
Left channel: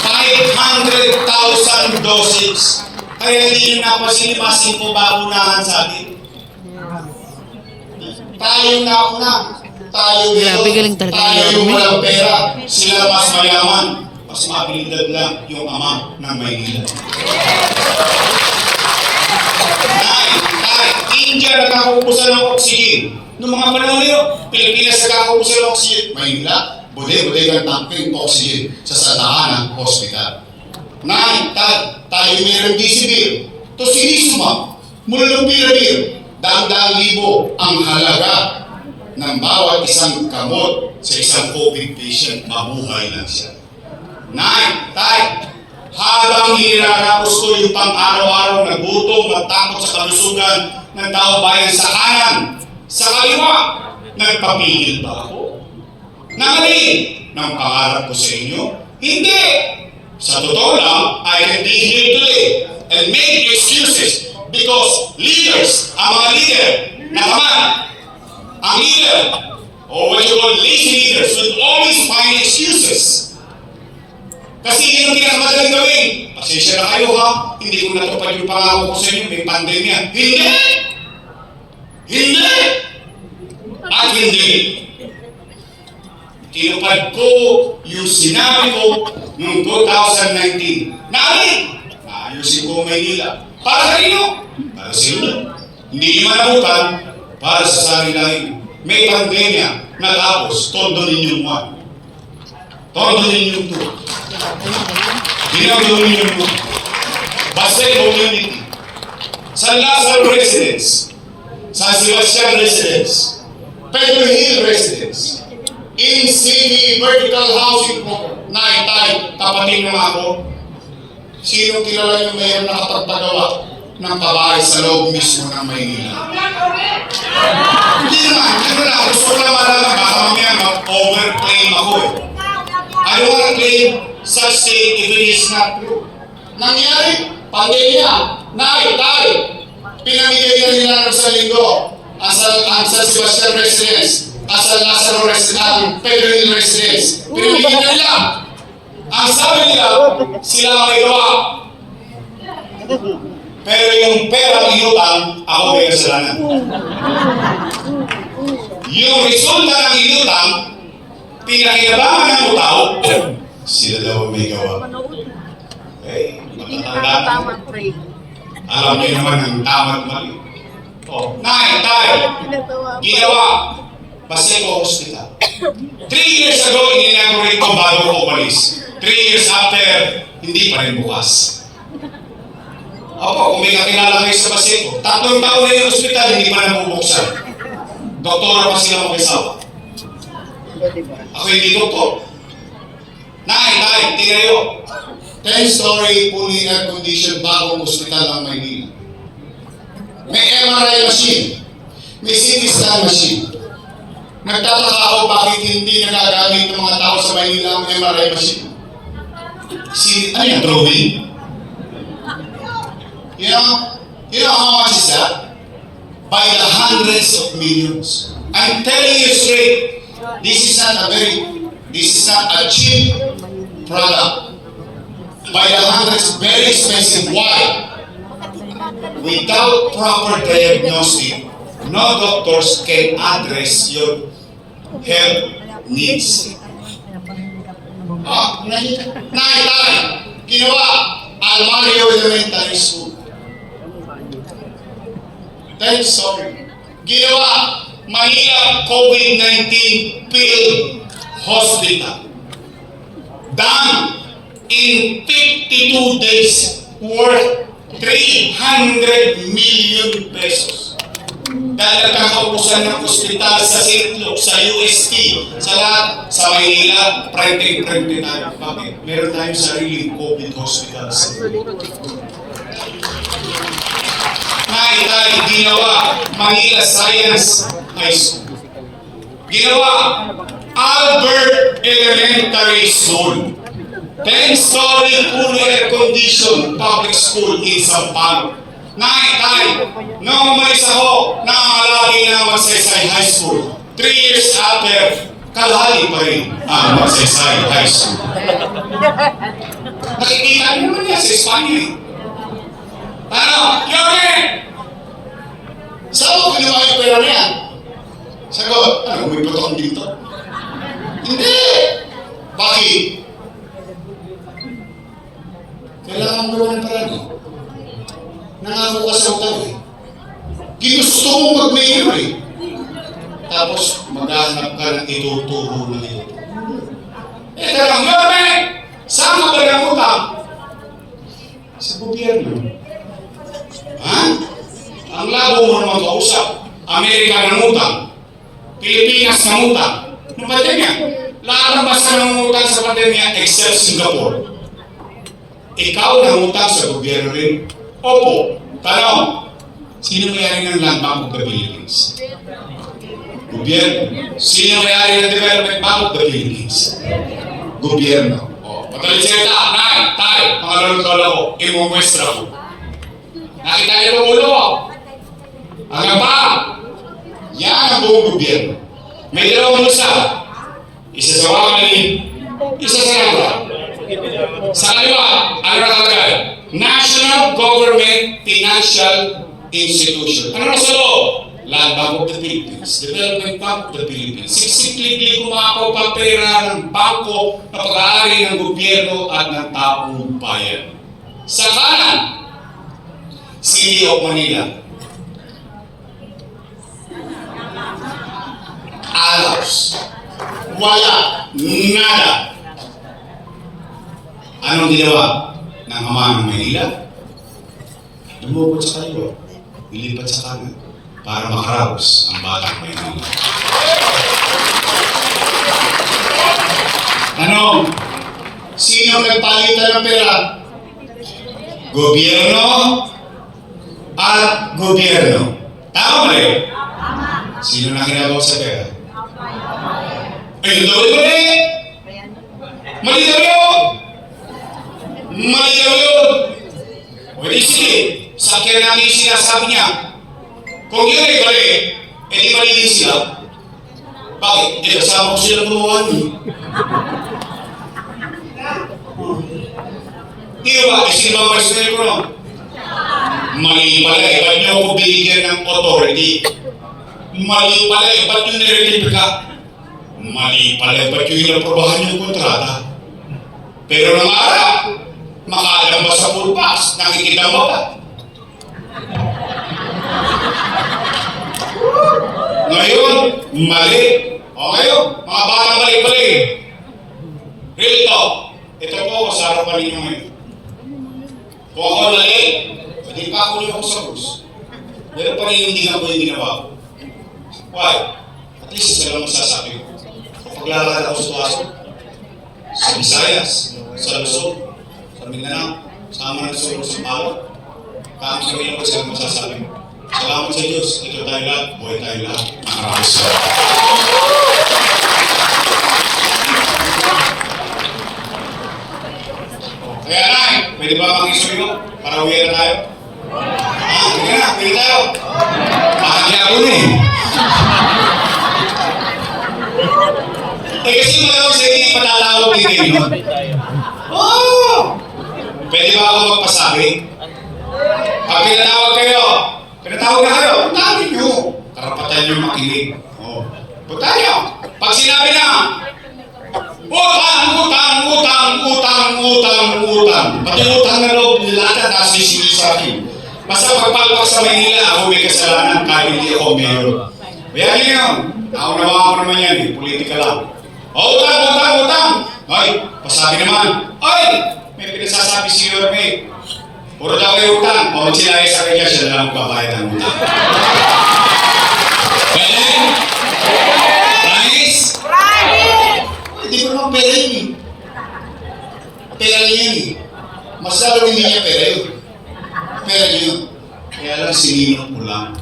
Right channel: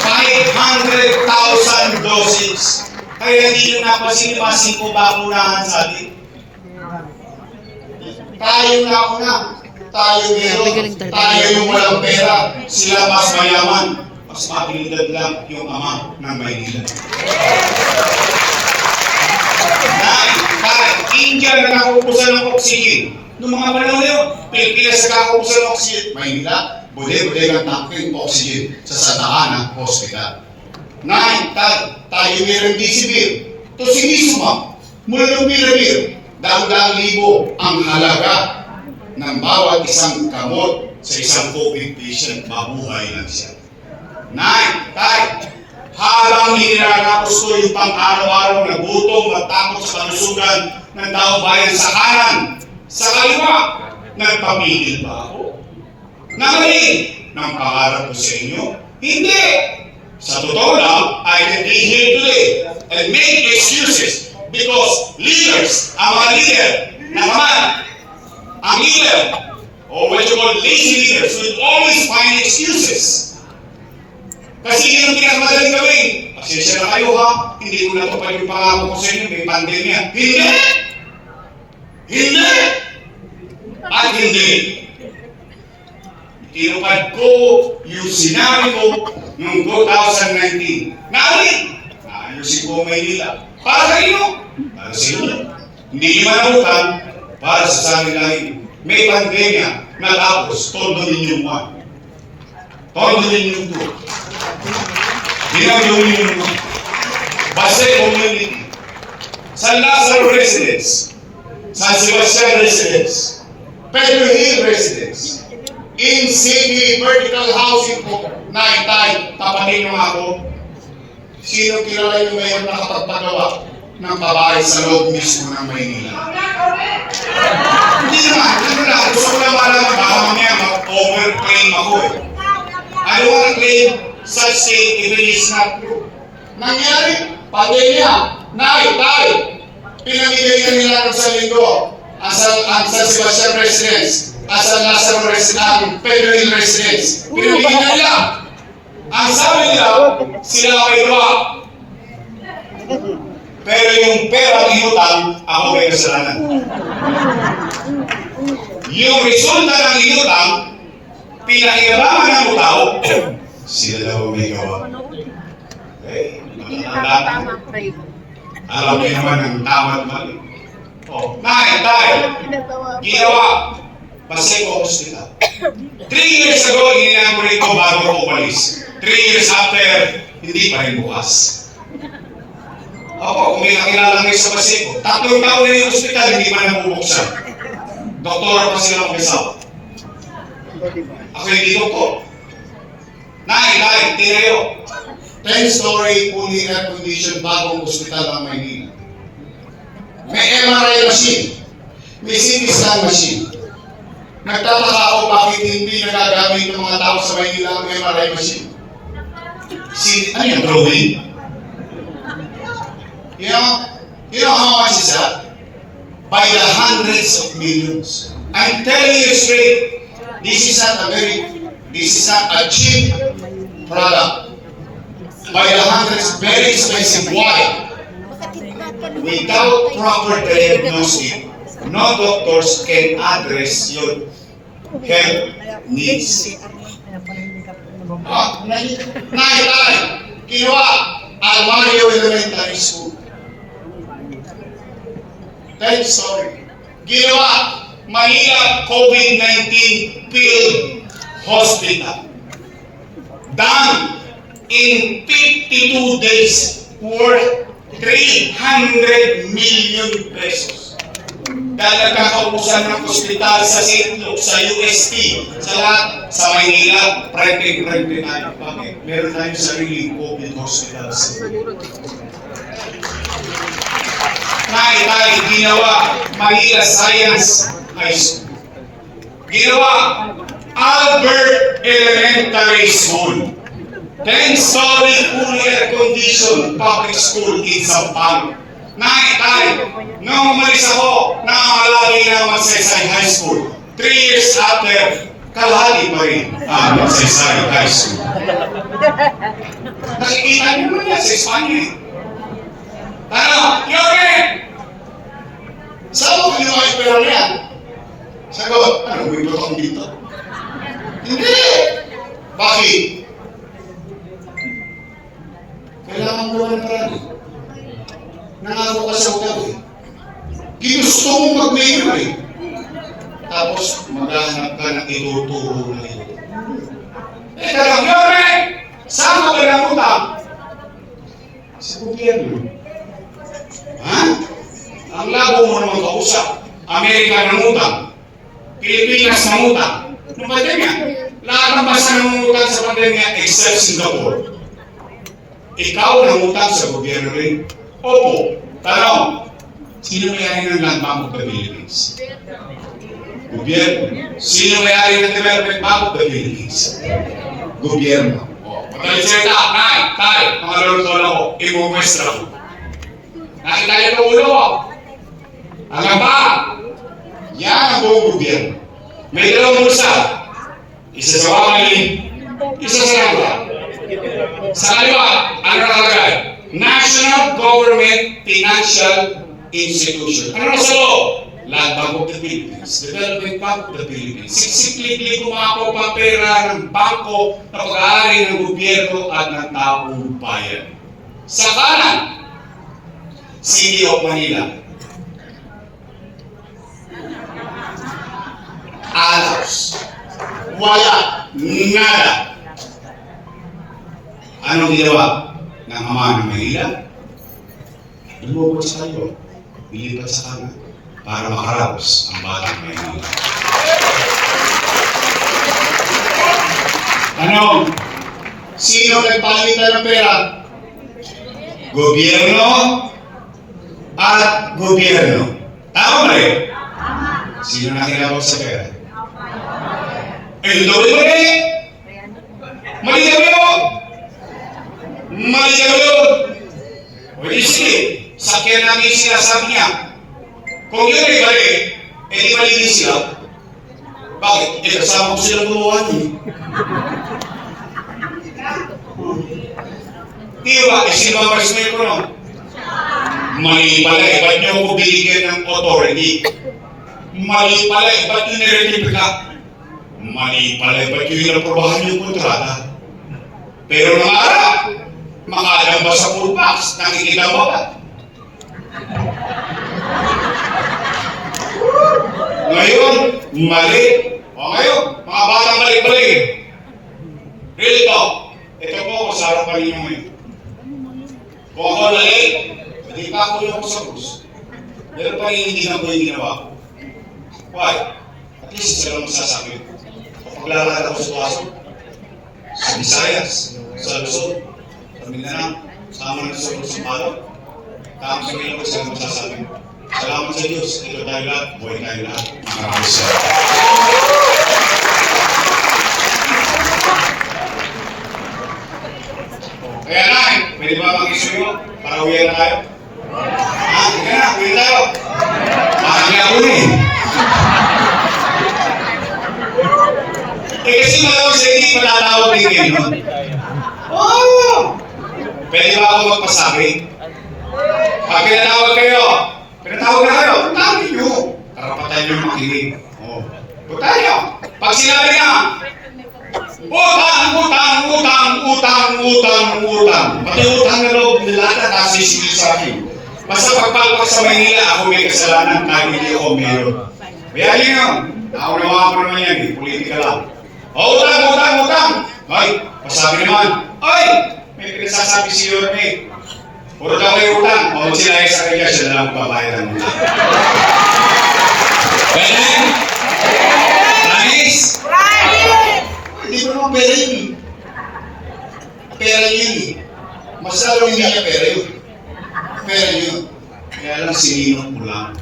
500,000 doses. Kaya hindi nyo napasinimasin po bakunahan sa atin. Tayo na ako na. Tayo dito. Tayo yung walang pera. Sila mas mayaman. Mas mabilidad lang yung ama ng Maynila. India nagkakaubusan ng oxygen. Noong mga panahon yun, Pilipinas nagkakaubusan ng oxygen. Maynila, bude-bude ng tangking oxygen sa Santa Hospital. Tayo mayroong disibir. To sinisuma, mulong pirabir, daang-daang libo ang halaga ng bawat isang kamot sa isang COVID patient, mabuhay lang siya. Habang nilalakos ko yung pang-araw-araw na gutom, nagtakot sa kalusugan ng tao bayan sa kanan, sa kaliwa, nagpapigil ba ako? Nangalin ng pangarap ko sa inyo? Hindi! Sa totoo lang, I can be here today and make excuses because leaders, ang mga leader, ang leader, or what you call lazy leaders, will always find excuses. Kasi yun ang pinakamadaling gawin. Pasensya na kayo ha, hindi ko natupad yung pangako ko sa inyo, may pandemya. Hindi! Hindi! At hindi. Tinupad ko yung sinabi ko noong 2019. Naayusin ko ang Maynila. Para sa inyo. Para sa inyo. Hindi nyo manamutan para sa sarili. May pandemya na tapos, todo ninyong one. Todo ninyong two. Ginagawa ninyong two. Basta community. San Lazaro Residence, San Sebastian Residence, Pedro Hill Residence, in city vertical housing po, naitay, tapatin nyo ako. Sino kilala yung mayroon nakapagpagawa ng babae sa loob mismo ng Maynila? Hindi naman, hindi na. Gusto ko na malaman, baka mamaya mag-overclaim ako eh. I don't want to claim such thing if it is not true. Nangyari, pandemya, naitay, pinamigay na nila ng sa linggo, ang San Sebastian Residence, ang San Lazaro Residence, Pedro Hill Residence, pinamigay na nila. Ang sabi nila, sila ang iwa. Pero yung pera inutang, ako may kasalanan. Yung resulta ng inutang, pinakilalaman ng tao, sila daw may gawa. Eh, Tama, pray. alam niyo naman ang tama at mali. Tay, ginawa, Paseco Hospital. 3 years ago, ginagawa ito bago ko umalis. 3 years after, hindi pa rin bukas. Opo, kung may kakilala kayo sa Paseco, 3 taon na yung hospital, hindi pa nabubuksan. Doktora pa sila mag-isawa. Ako hindi doktor. Nay, tinayo. 10-story, fully air-conditioned, bagong hospital ang Maynila. May MRI machine. May CT scan machine. Nagtataka ako bakit hindi nagagamit ng mga tao sa Maynila ang MRI machine. Ano yung drawing? You know how much is that? By the hundreds of millions. I'm telling you straight, this is not a cheap product. By the hundreds, very expensive. Why? Without proper diagnostic, no doctors can address your health needs. Nakita, ginawa, Almario Elementary School. Sorry. Ginawa, Manila COVID-19 Field Hospital. Done in 52 days worth 300 million pesos. Dahil nagkakaubusan ng ospital sa St. Luke, sa UST, sa lahat, sa Maynila, printing tayo. Bakit? Meron tayong sariling COVID hospitals. Tayo ginawa, Manila Science High School. Ginawa, Albert Elementary School. 10-story fully air-conditioned public school in Sampalo. Tayo, nung umalis ako, nangangalagi ng Magsaysay High School. 3 years after, kalahali pa rin ang Magsaysay High School. Nakikita mo naman yan sa Espanya eh. Yore! Saan mo ginawa yung pera niya? Sagot, may putong dito? Hindi! Bakit? Kailangan mo naman parang nangako ka sa utang eh. Ginusto mong mag-mayor eh. Tapos maghahanap ka ng ituturo na ito. Lang, Yore! Saan ka ba ng utang? Sa gobyerno. Ha? Ang labo mo naman kausap. Amerika ng utang. Pilipinas ng utang. Ano ba din yan? Lahat ng basa ng utang sa pandemya except Singapore. Ikaw nangutang sa gobyerno rin? Opo. Tanong, sino may-ari ng Land Bank of the Philippines? Gobyerno. Sino may-ari ng Development Bank of the Philippines? Gobyerno. Pagkalisalita, tayo, mga lolo ko, imumwestra ko. Nakita niyo ng ulo ko. Hanggang pa, yan ang buong gobyerno. May dalawang musa. Isa sa Wamali, isa sa Rangla. Sa kaliwa, ano nakalagay? National Government Financial Institution. Ano sa loob? Land Bank of the Philippines, Development Bank of the Philippines. Siksikli kumako pa pera ng bangko na pag-aari ng gobyerno at ng taong bayan. Sa kanan, City of Manila. Alos. Wala. Nada. Anong ginawa ng Ama ng Manila? Lumubog sa kayo. Ilipat sa kanan para makaraos ang batang Manila. Ano? Sino nagpalitan ng pera? Gobyerno at gobyerno. Tama ba yun? Sino nakinabot sa pera? Mali! Mali daw yun! Mali daw yun! O di sige, sakyan namin sinasabi niya. Kung yun ay mali, edi mali din sila. Bakit? Eh, kasama ko silang gumawa niyo. Di ba? Eh, sino ang presidente ko, no? Mali pala eh. Ba't niyo ako binigyan ng authority? Mali pala eh. Ba't yun nirelip ka? Mali pala eh. Ba't yun inaprobahan yung kontrata? Pero nang araw, makaalam ba sa full box? Nakikita mo ba? Ngayon, mali. O ngayon, mga bata mali-mali. Real talk. Ito po ako sa harapan ninyo ngayon. Kung ako mali, hindi pa ako yung sa bus. Pero paninindigan ko yung ginawa ko. Why? At least isa lang masasabi ko. Kapag lalakad ako sa Pasok, sa Visayas, sa Luzon, sa Mindanao, sa mga nasulong sa Palo, kami sa iyo ko sila masasabi. Salamat sa Diyos. Ito tayo lahat. Buhay tayo lahat. Maraming salamat. Kaya na, pwede ba mag-issue nyo? Para uwi na tayo? Sige na, uwi tayo. Marami ako eh. Kasi malawag sa hindi panalawag din kayo. Oh! Pwede ba ako magpasabi? Pag pinatawag kayo, pinatawag na kayo, puntahan nyo. Karapatan nyo makinig. Oh. Puntahan nyo. Pag sinabi na, utang. Pati utang na loob nilata kasi sa akin. Basta pagpalpak sa Manila, ako may kasalanan kahit hindi ako meron. Bayarin nyo. Naunawa ko naman yan eh. Politika lang. Utang. Ay, pasabi naman. Ay, may pinagsasabi si Yorme. Puro daw kayo utang. O sila ay sa kanya, siya na lang pabayad ng utang. Pwede? Promise? Hindi ko naman pera yun eh. Pera yun eh. Masabi hindi niya pera yun. Pera yun. Kaya lang sininok mo lang.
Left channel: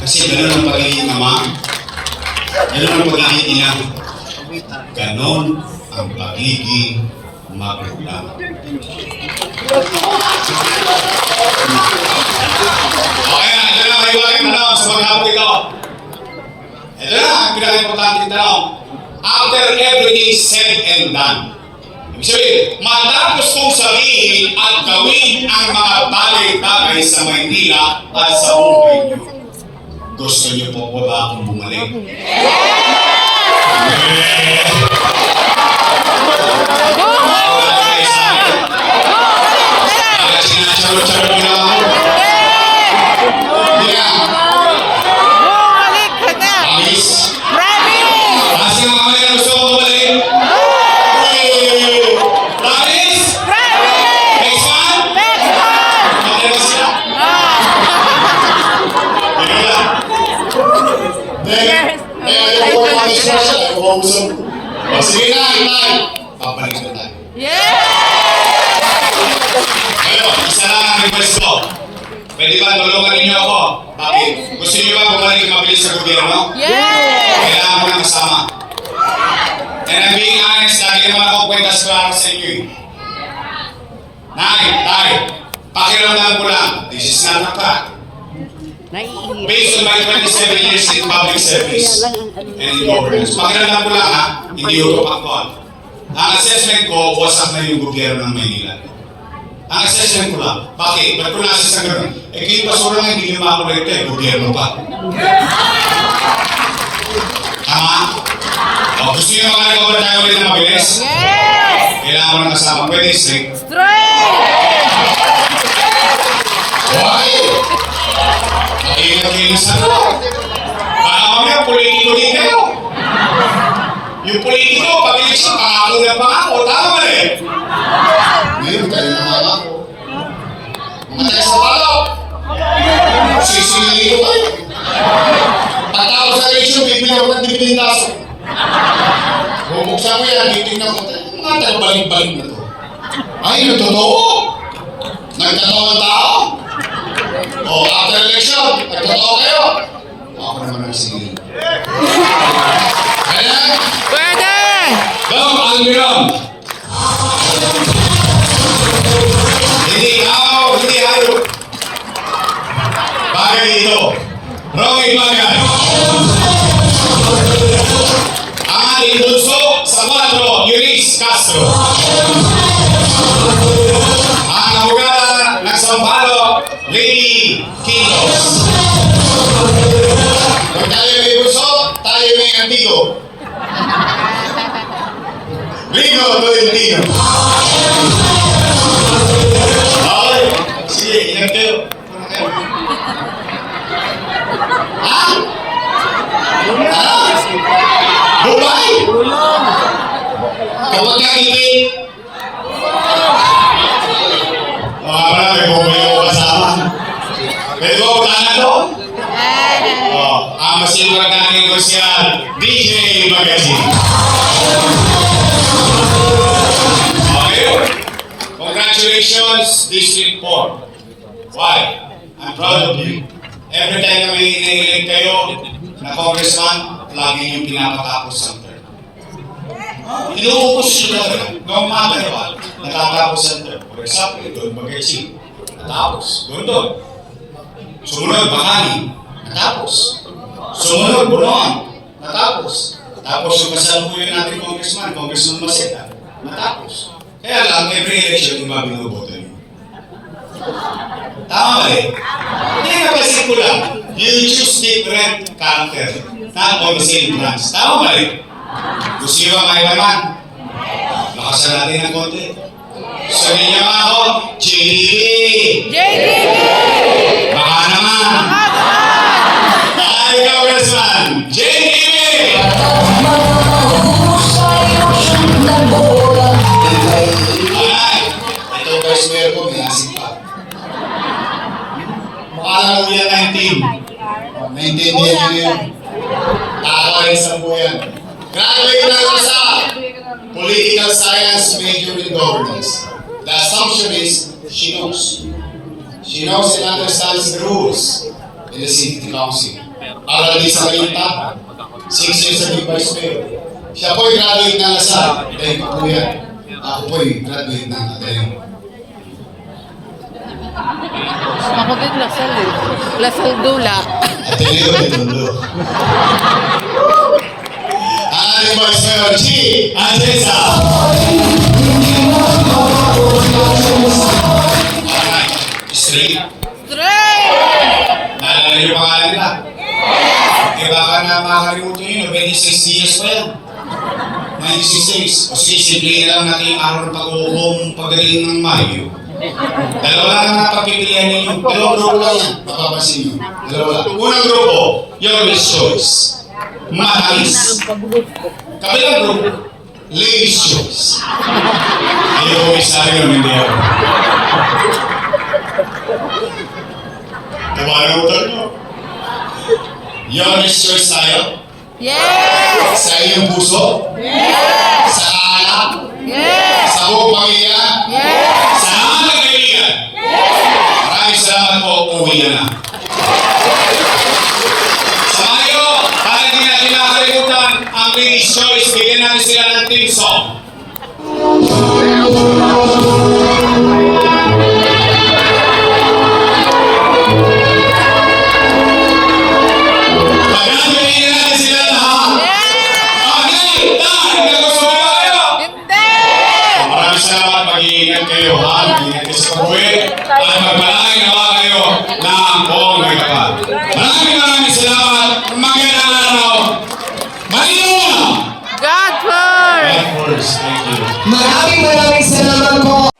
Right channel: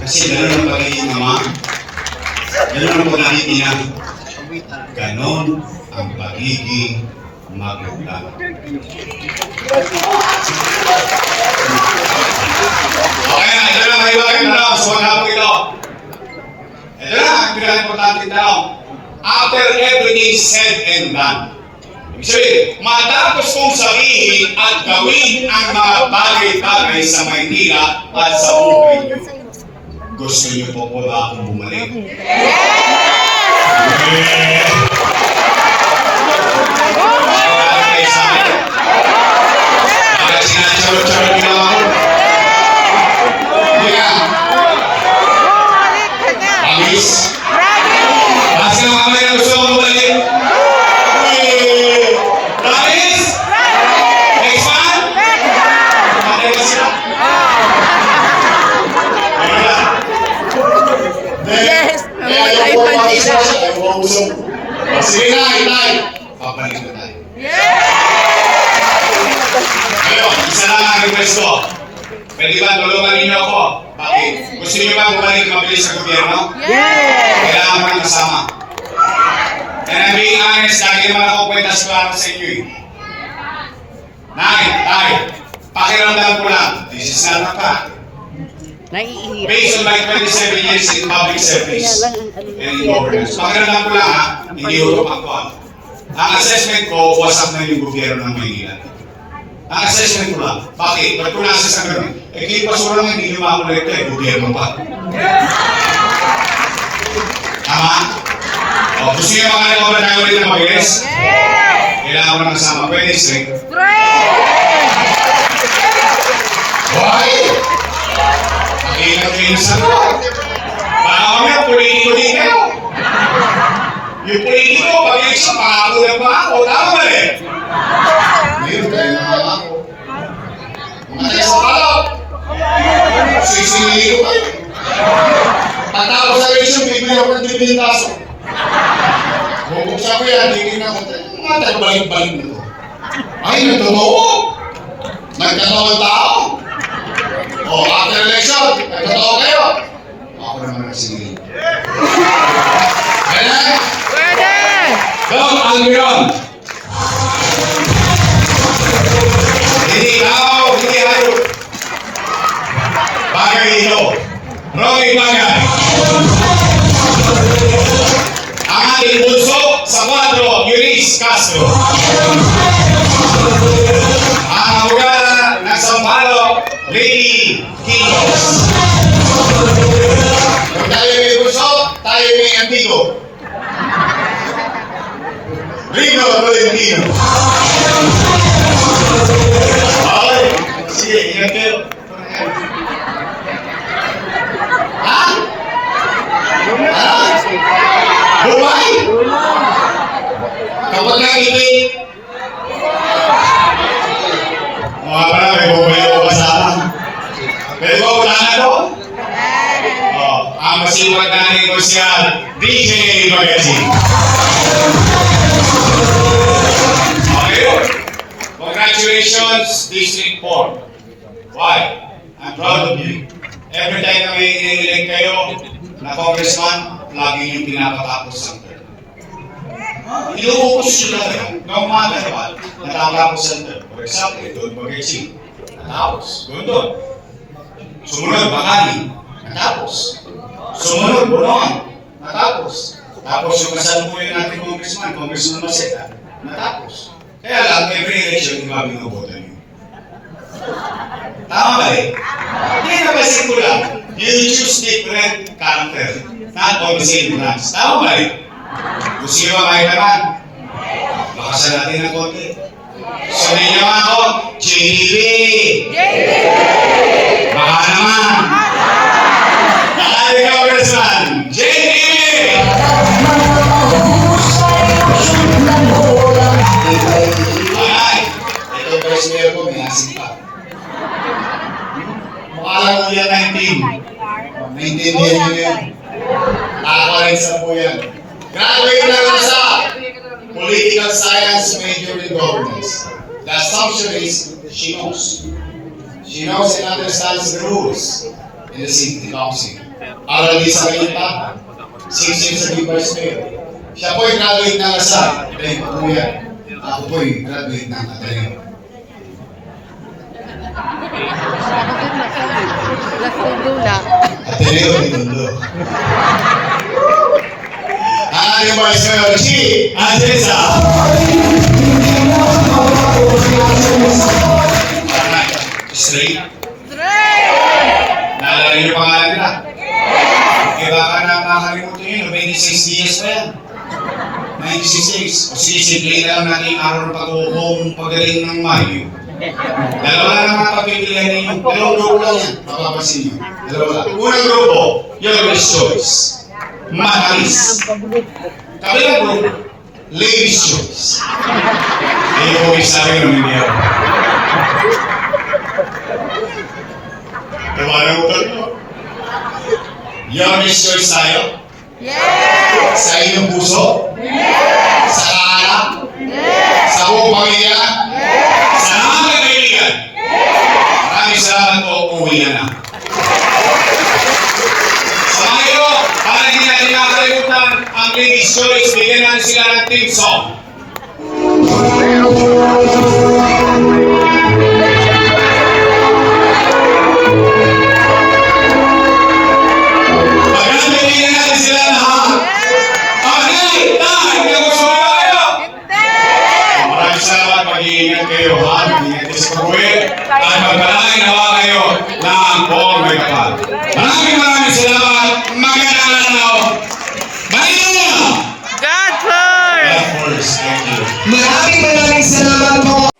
Kasi gano'n ang pagiging ama. Gano'n ang pagiging ina. Gano'n ang pagiging magulang. Okay na, ito lang may bagay na lang sa mga po ito. Ito na, ang pinaka-importante na after everything said and done. Ibig sabihin, matapos kong sabihin at gawin ang mga bagay-bagay sa Maynila at sa buhay niyo. Gusto niyo po ba akong bumalik? Kaya sinacharo-charo nila ako. Promise? Kasi nung kami na gusto mo bumalik? Promise? Next time? Okay ba sila? Kaya yung po ang iswasa, ay kumabusong ko. Sige na, itay. Papalik na tayo. Ayun, isa lang ang request ko. Pwede ba tulungan ninyo ako? Bakit? Gusto niyo ba bumalik mabilis sa gobyerno? Kailangan mo ng kasama. And I'm being honest, lagi naman ako kwentas klaro sa inyo eh. Tay, pakiramdam ko lang, this is not a fact. Based on my 27 years in public service and in governance. Pakiramdam ko lang ha, hindi utok ang kuhan. Ang assessment ko, wasak na yung gobyerno ng Maynila. Ang assessment ko lang. Bakit? Ba't ko na-assess ang gano'n? Eh, kayo basura nga, hindi nyo makakolekta eh, gobyerno pa. Tama? O, gusto nyo mga recover tayo ulit na mabilis? Kailangan mo na kasama. Pwede string. Why? Nakikita kayo sa ko. Baka kami, politiko din kayo. Yung politiko, pag-eleksyon, pangako ng pangako. Tama ba rin? Ngayon, kayo na pangako. Matay sa palaw. Sisilili ko kayo. Tatawag sa eleksyon, bibili ako ng dipindaso. Bubuksan ko yan, titignan ko. Mga tagbalik-balik na to. Ay, nagtotoo. Nagkatawang tao. O, after election, nagtotoo kayo. Ako naman ang sinili. Kaya na? Pwede! Go, Albion! Hindi ikaw, hindi kayo. Bagay ito. Romy Bagay. Ang ating bunso sa 4, Eunice Castro. Ang abogada ng Sampalo, Lady Kilos. Kung tayo may bunso, tayo may amigo. Rino Tolentino. Okay. Sige, ingat kayo. Ha? Ha? Bumay? Kapag nakikita, mga pala, may bumay ako kasama. Pero wala na doon. Ang masiwag na negosyal, DJ Magazine. Okay. Congratulations, District 4. Why? I'm proud of you. Every time na may inihiling kayo na congressman, lagi niyong pinapatapos ang term. Inuupos siya talaga. Noong mga ganapal, natatapos ang term. For example, doon Bagay, natapos. Doon. Sumunod, Bakani, natapos. Sumunod, Bunoan, natapos. Tapos yung kasalukuyan natin Congressman Maseta, natapos. Kaya lang, every election, iba binuboto niyo. Tama ba eh? Hindi na kasi ko lang. You choose different character, not on the same branch. Tama ba eh? Gusto nyo ang kailangan? Lakasan natin ng konti. Sabi niyo nga ako, JDB! Baka naman! Ay, Congressman! JDB! Ay, ito first mayor ko, may asing pa. Mukha lang ulit 19. Naintindihan nyo yun. Nakakarin sa po yan. Graduate na lang sa Political Science major in governance. The assumption is she knows. She knows and understands the rules in the city council. Aral din sa Kalita, 6 years naging vice mayor. Siya po'y graduate ng Lasal, dahil ko po yan. Ako po'y graduate ng Ateneo. Ako din Lasal eh. Lasal Dula. Ateneo de Tondo. Ang ating vice mayor, G. Atesa. Alright, straight. Naalala niyo pangalan nila? Kaya baka na makakalimutan yun, 26 years na yan. 96. O sisimple na lang natin araw ng pag-uukong pagaling ng Mayo. Dalawa lang ang napapipilihan ninyo. Dalawang grupo lang yan. Mapapasin nyo. Dalawa lang. Unang grupo, Youngest Choice. Matamis. Kabilang grupo, Ladies Choice. Hindi ko isabi ng hindi ako. Kumalimutan mo. Youngest Choice tayo. Yes! Sa iyong puso. Yes! Sa anak. Yes! Sa buong pamilya. Yes! Sa mga kaibigan. Maraming salamat po. Uwi na. Sa ngayon, para hindi natin nakalimutan ang Ladies Choice, bigyan natin sila ng team song. Pagkakabigyan natin sila lahat. Okay, tayo! Hindi na gusto mo tayo! Hindi! mag-iingat kayo, ha? Mag-iingat kayo sa pagbuwi. At magdalain nawa kayo ng buong may kapal. Maraming salamat. Magandang araw. Maria! God first! God first. Thank you. Maraming salamat po.